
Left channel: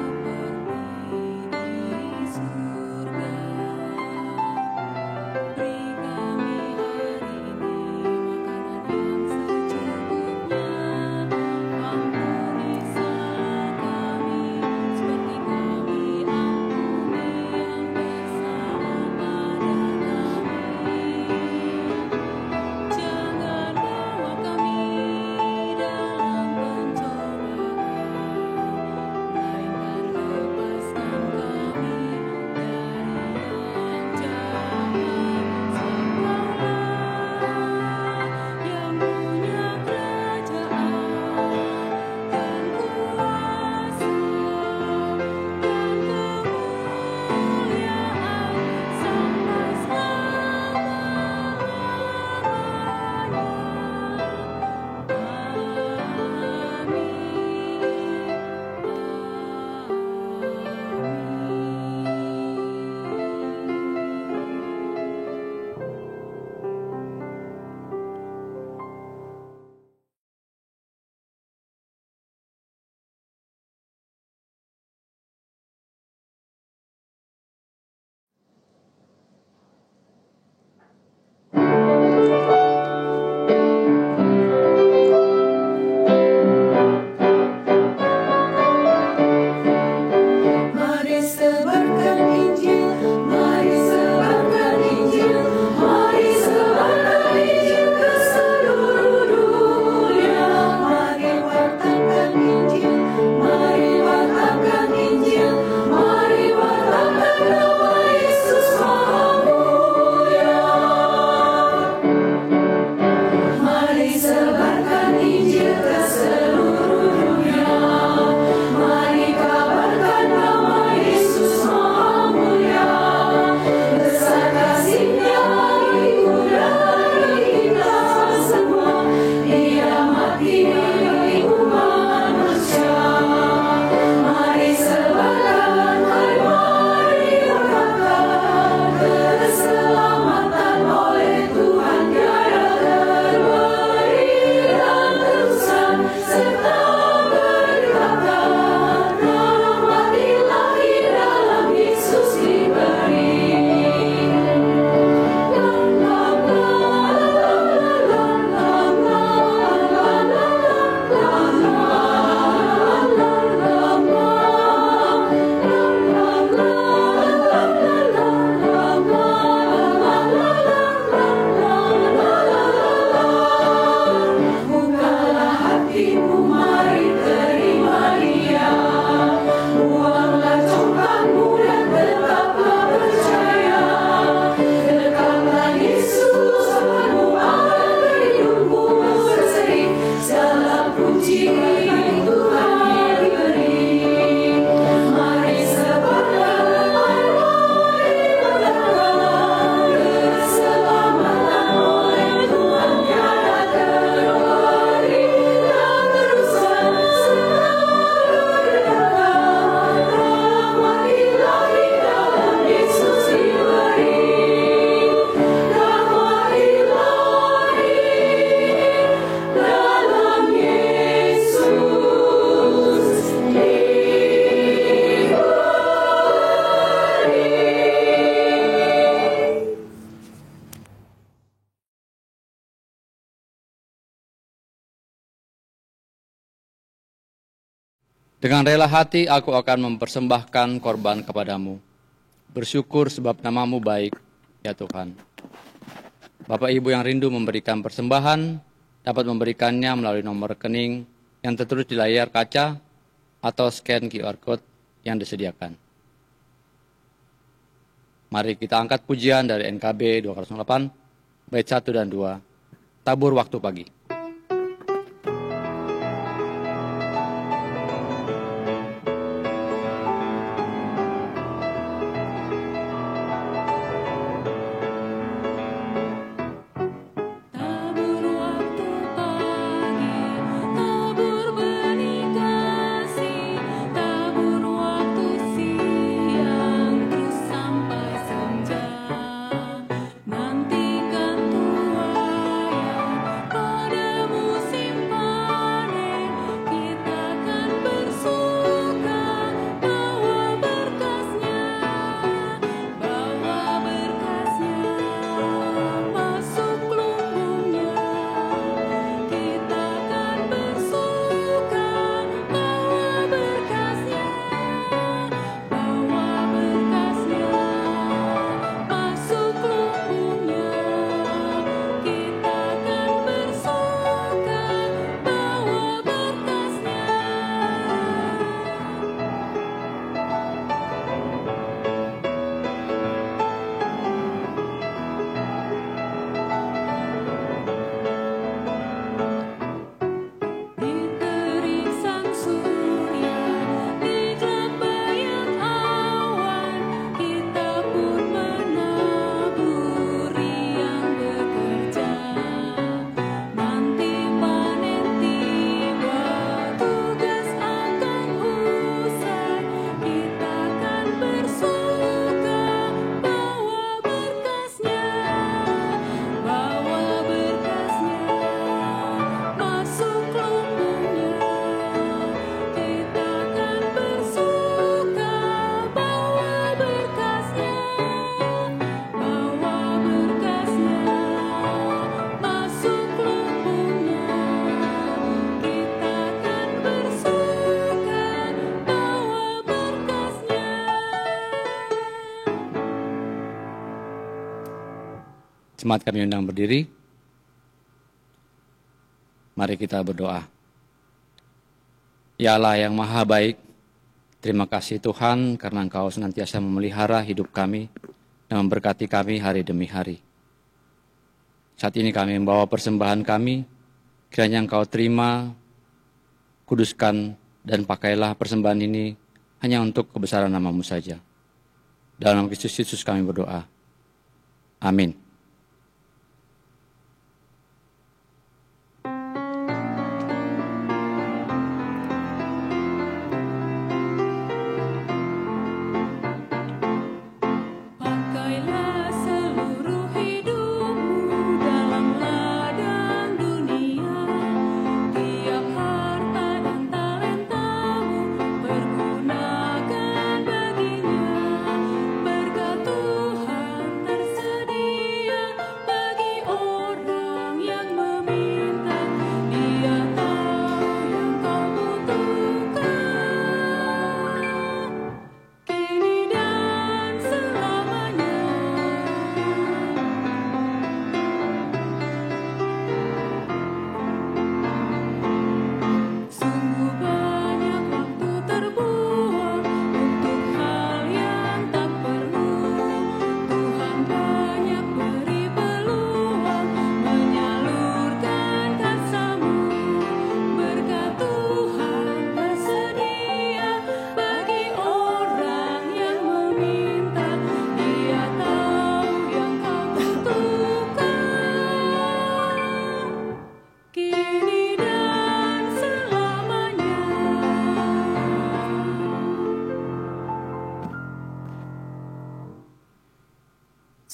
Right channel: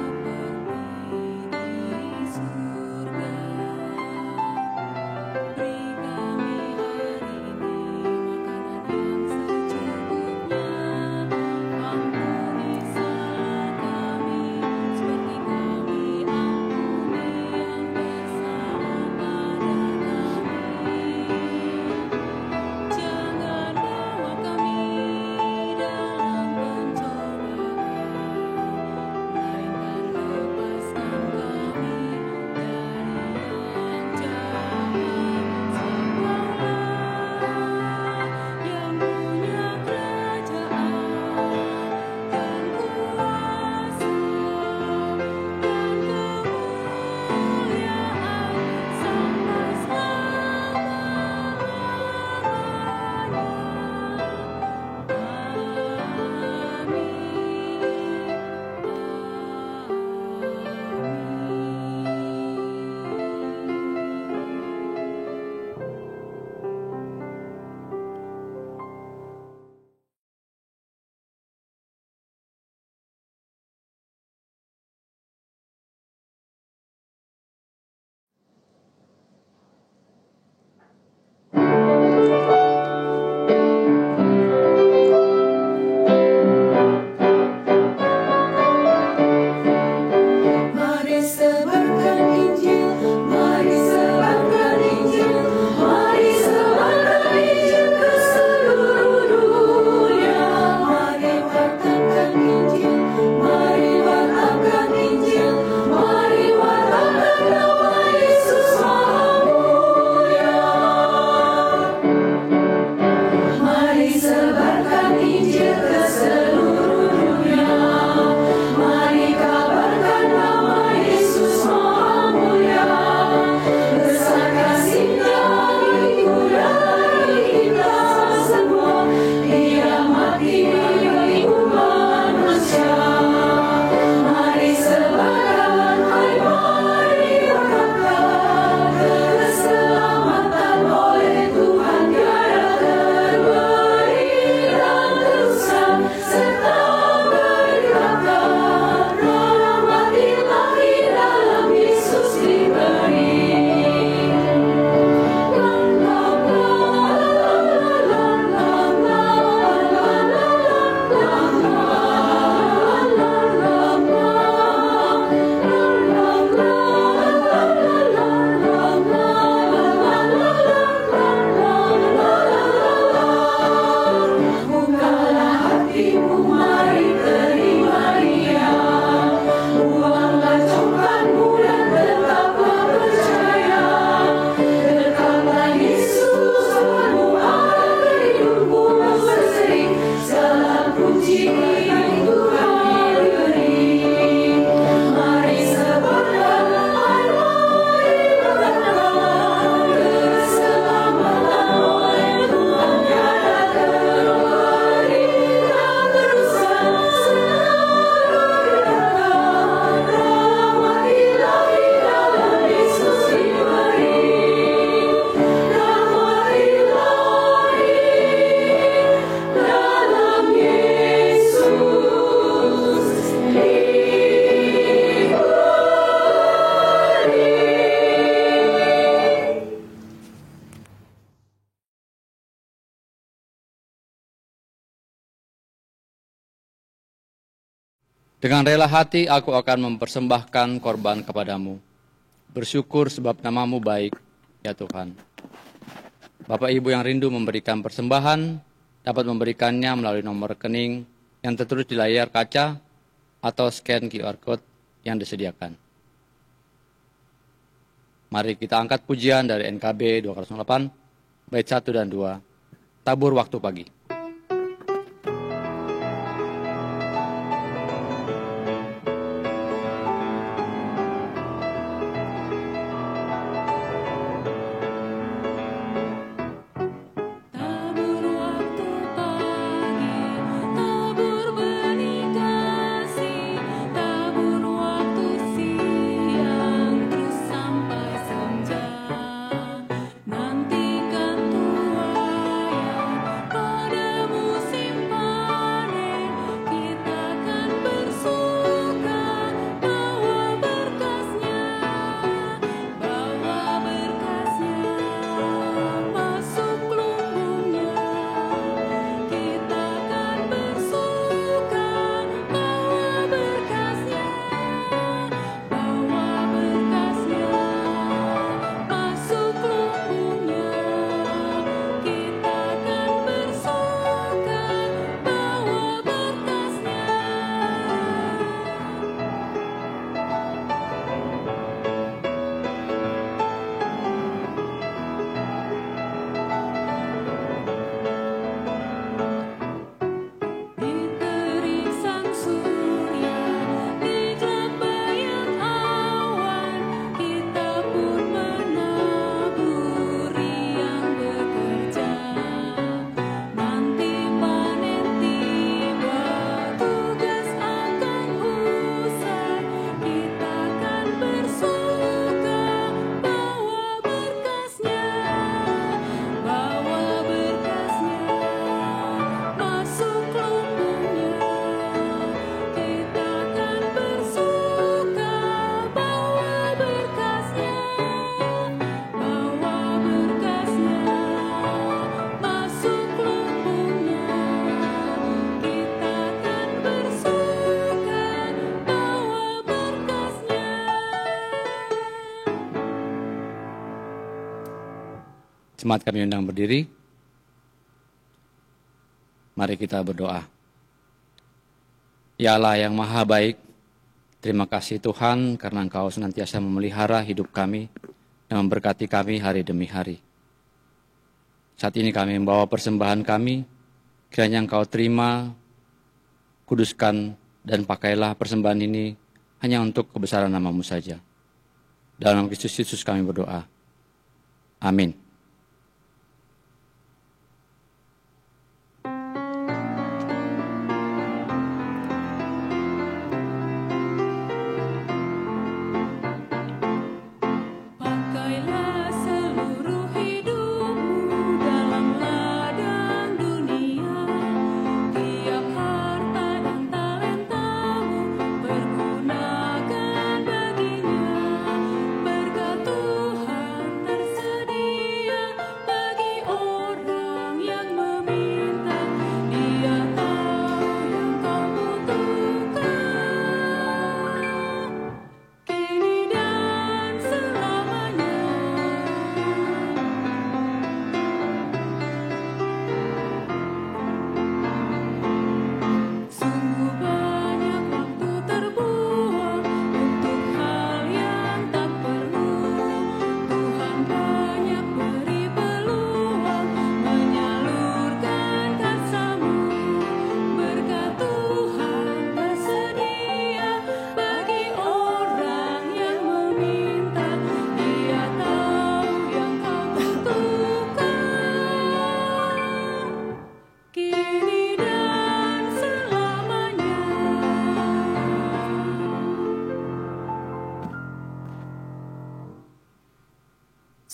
Dengan rela hati aku akan mempersembahkan korban kepadamu. Bersyukur sebab namamu baik, ya Tuhan. Bapak Ibu yang rindu memberikan persembahan, dapat memberikannya melalui nomor rekening yang tertulis di layar kaca atau scan QR Code yang disediakan. Mari kita angkat pujian dari NKB 208, bait 1 dan 2, Tabur Waktu Pagi. Jemaat kami undang berdiri. Mari kita berdoa. Ya Allah yang maha baik, terima kasih Tuhan karena Engkau senantiasa memelihara hidup kami dan memberkati kami hari demi hari. Saat ini kami membawa persembahan kami, kiranya Engkau terima, kuduskan, dan pakailah persembahan ini hanya untuk kebesaran nama-Mu saja. Dalam Kristus Yesus kami berdoa. Amin.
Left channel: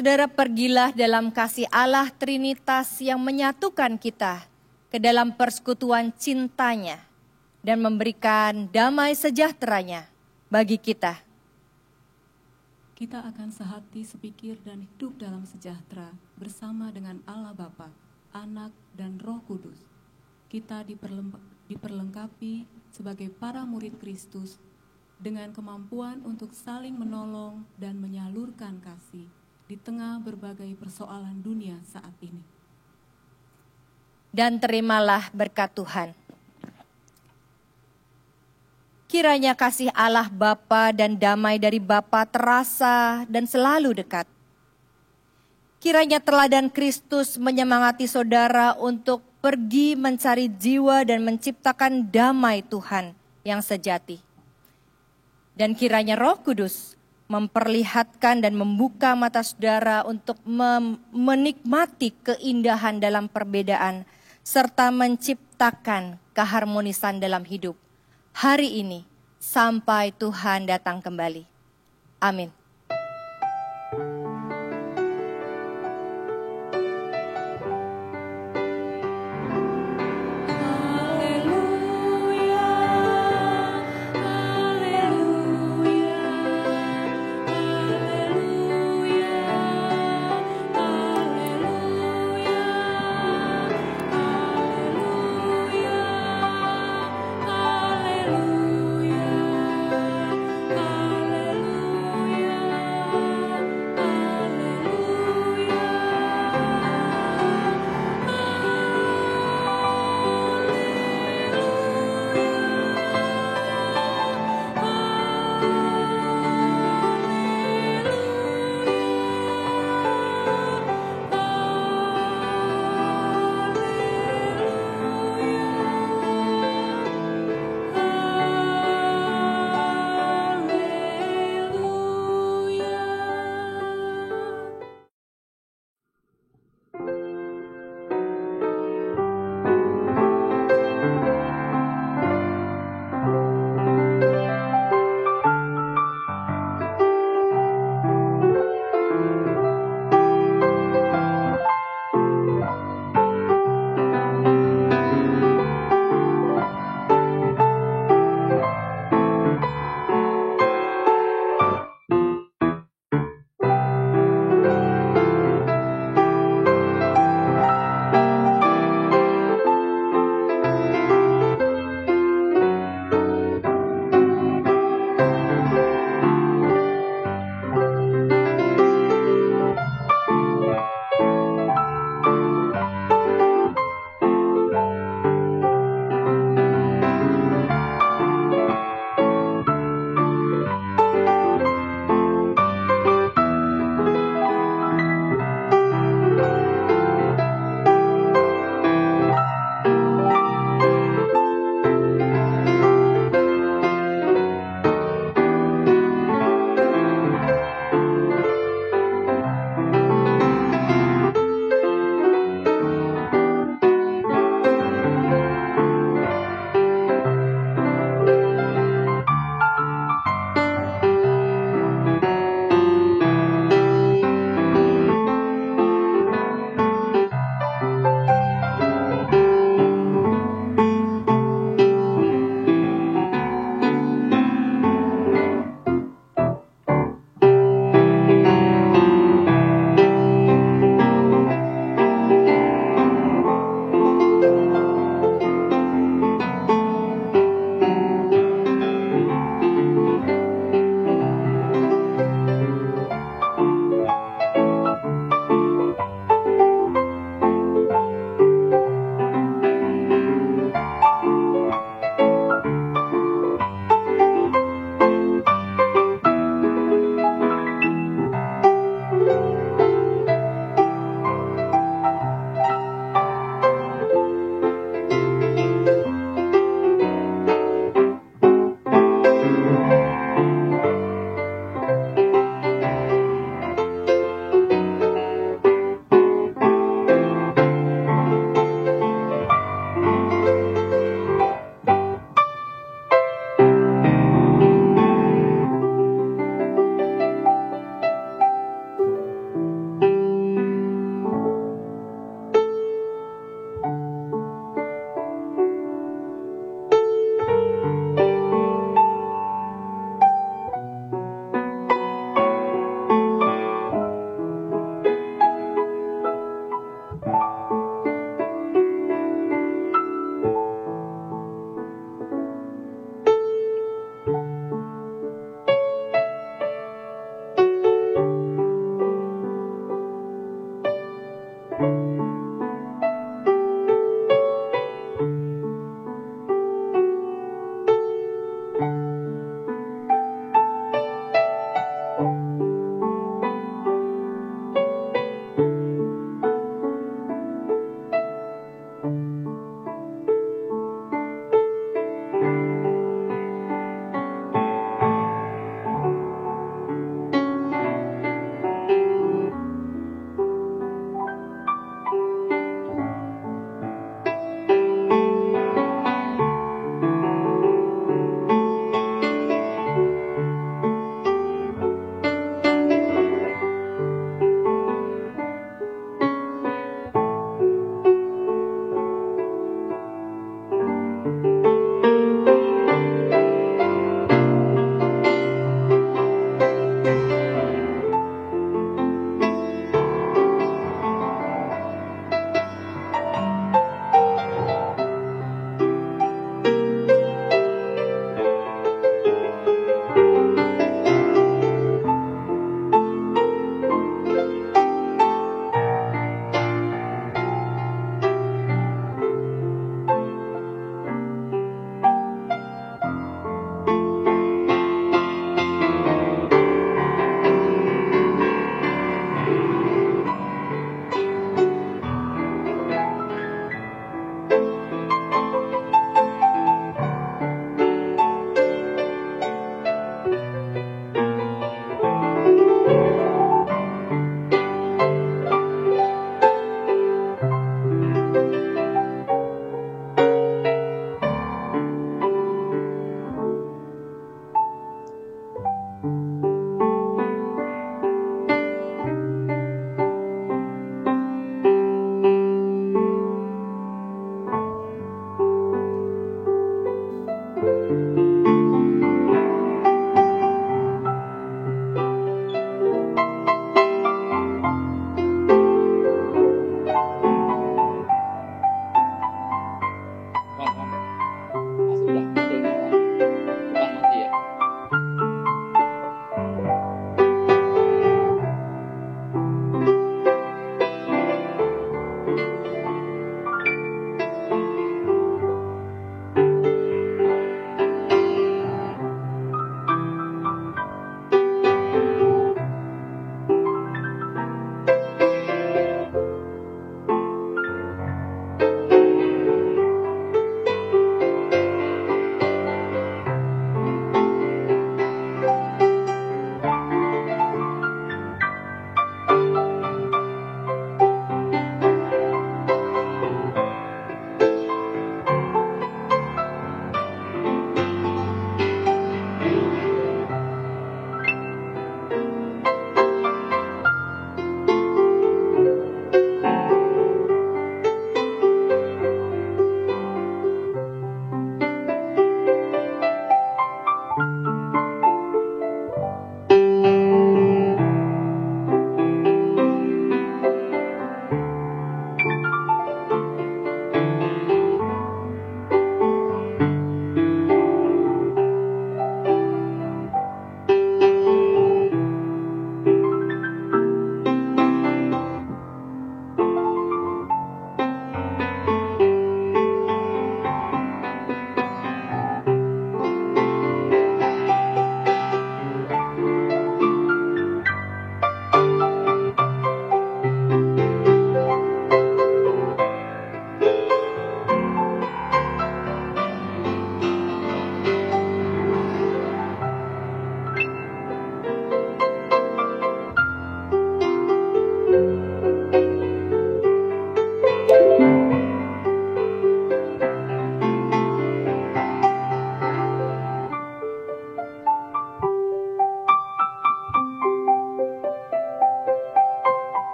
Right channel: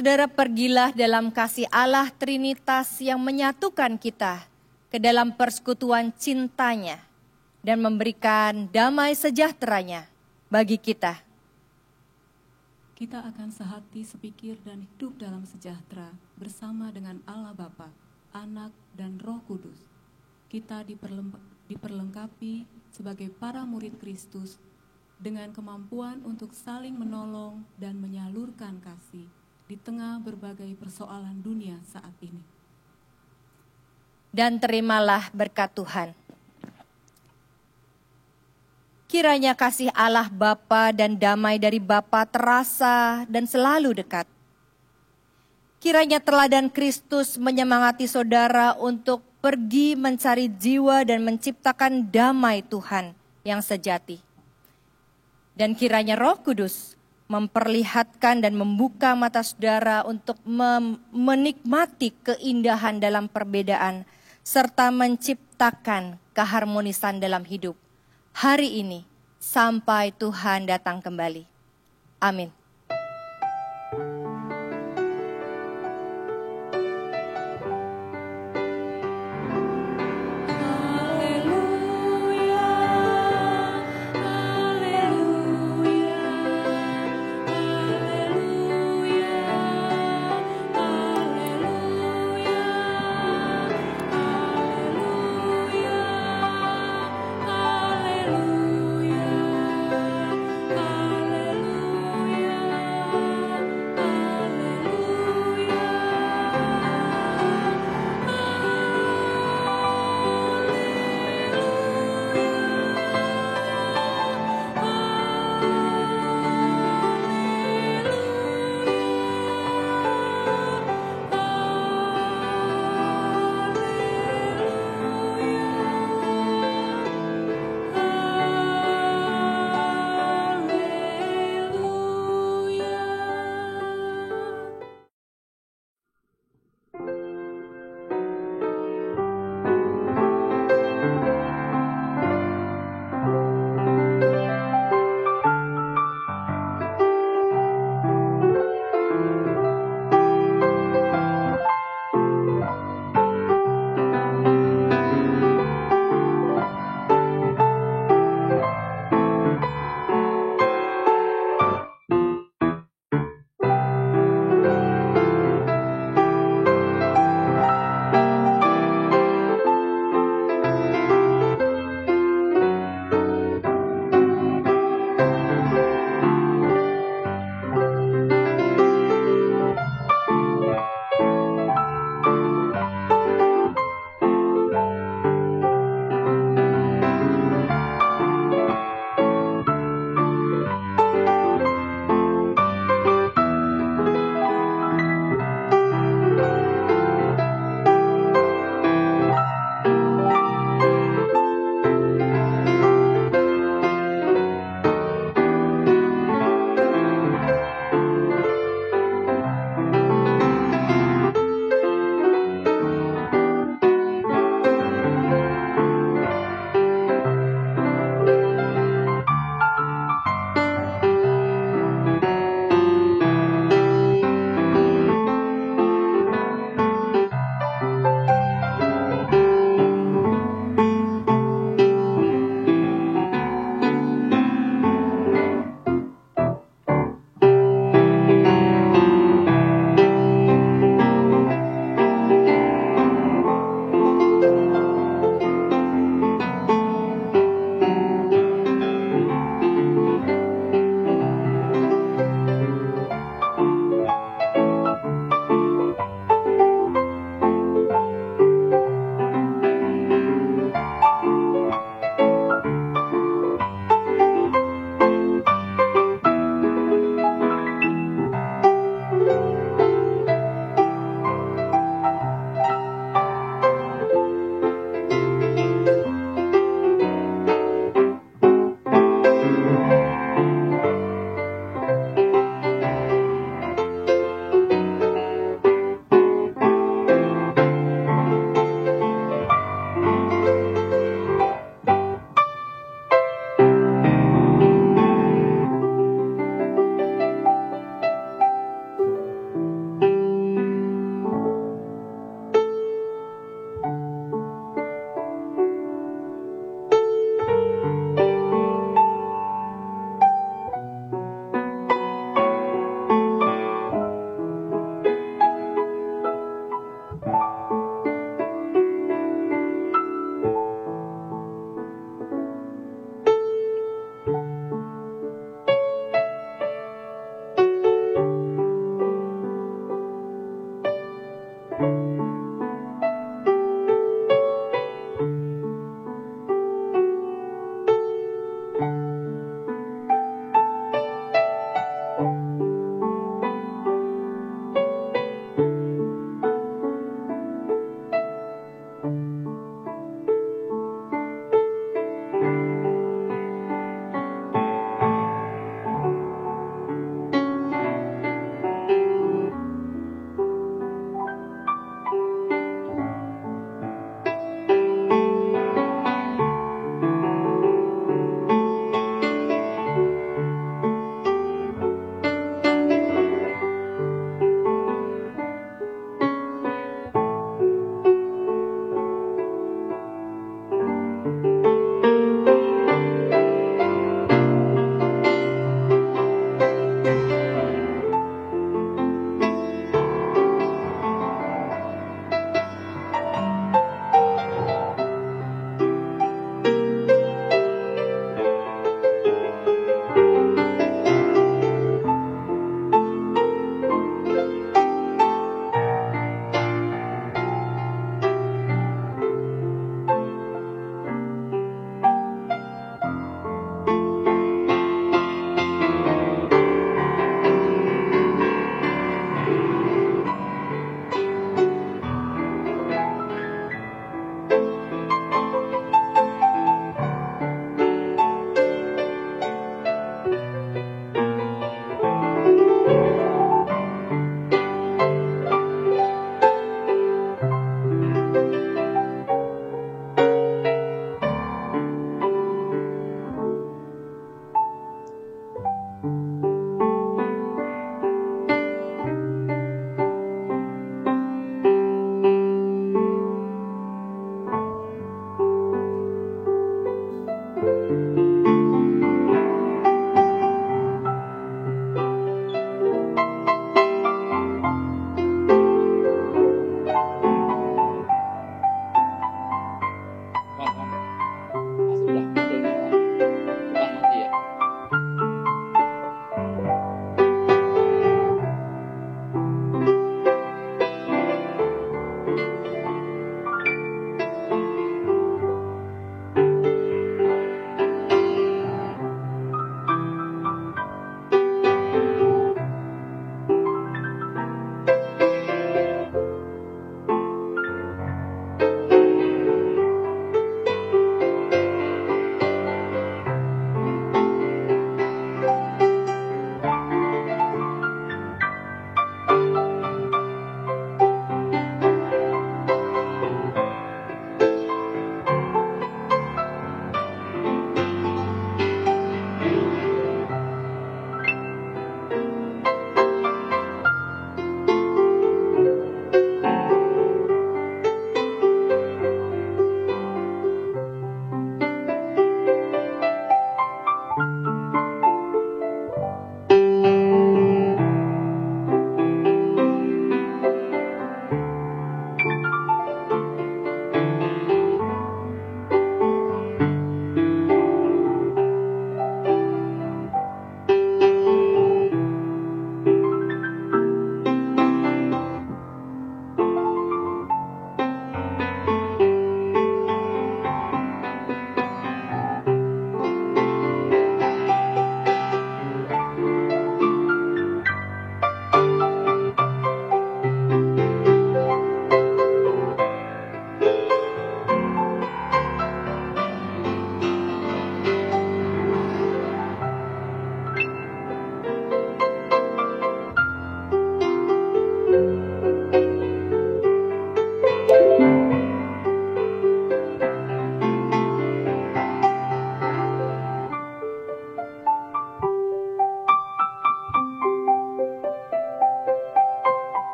Saudara, pergilah dalam kasih Allah Trinitas yang menyatukan kita ke dalam persekutuan cintanya dan memberikan damai sejahteranya bagi kita. Kita akan sehati, sepikir, dan hidup dalam sejahtera bersama dengan Allah Bapa, Anak, dan Roh Kudus. Kita diperlengkapi sebagai para murid Kristus dengan kemampuan untuk saling menolong dan menyalurkan kasih di tengah berbagai persoalan dunia saat ini. Dan terimalah berkat Tuhan. Kiranya kasih Allah Bapa dan damai dari Bapa terasa dan selalu dekat. Kiranya teladan Kristus menyemangati saudara untuk pergi mencari jiwa dan menciptakan damai Tuhan yang sejati. Dan kiranya Roh Kudus memperlihatkan dan membuka mata saudara untuk menikmati keindahan dalam perbedaan serta menciptakan keharmonisan dalam hidup hari ini sampai Tuhan datang kembali. Amin.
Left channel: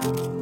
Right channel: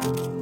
Amin.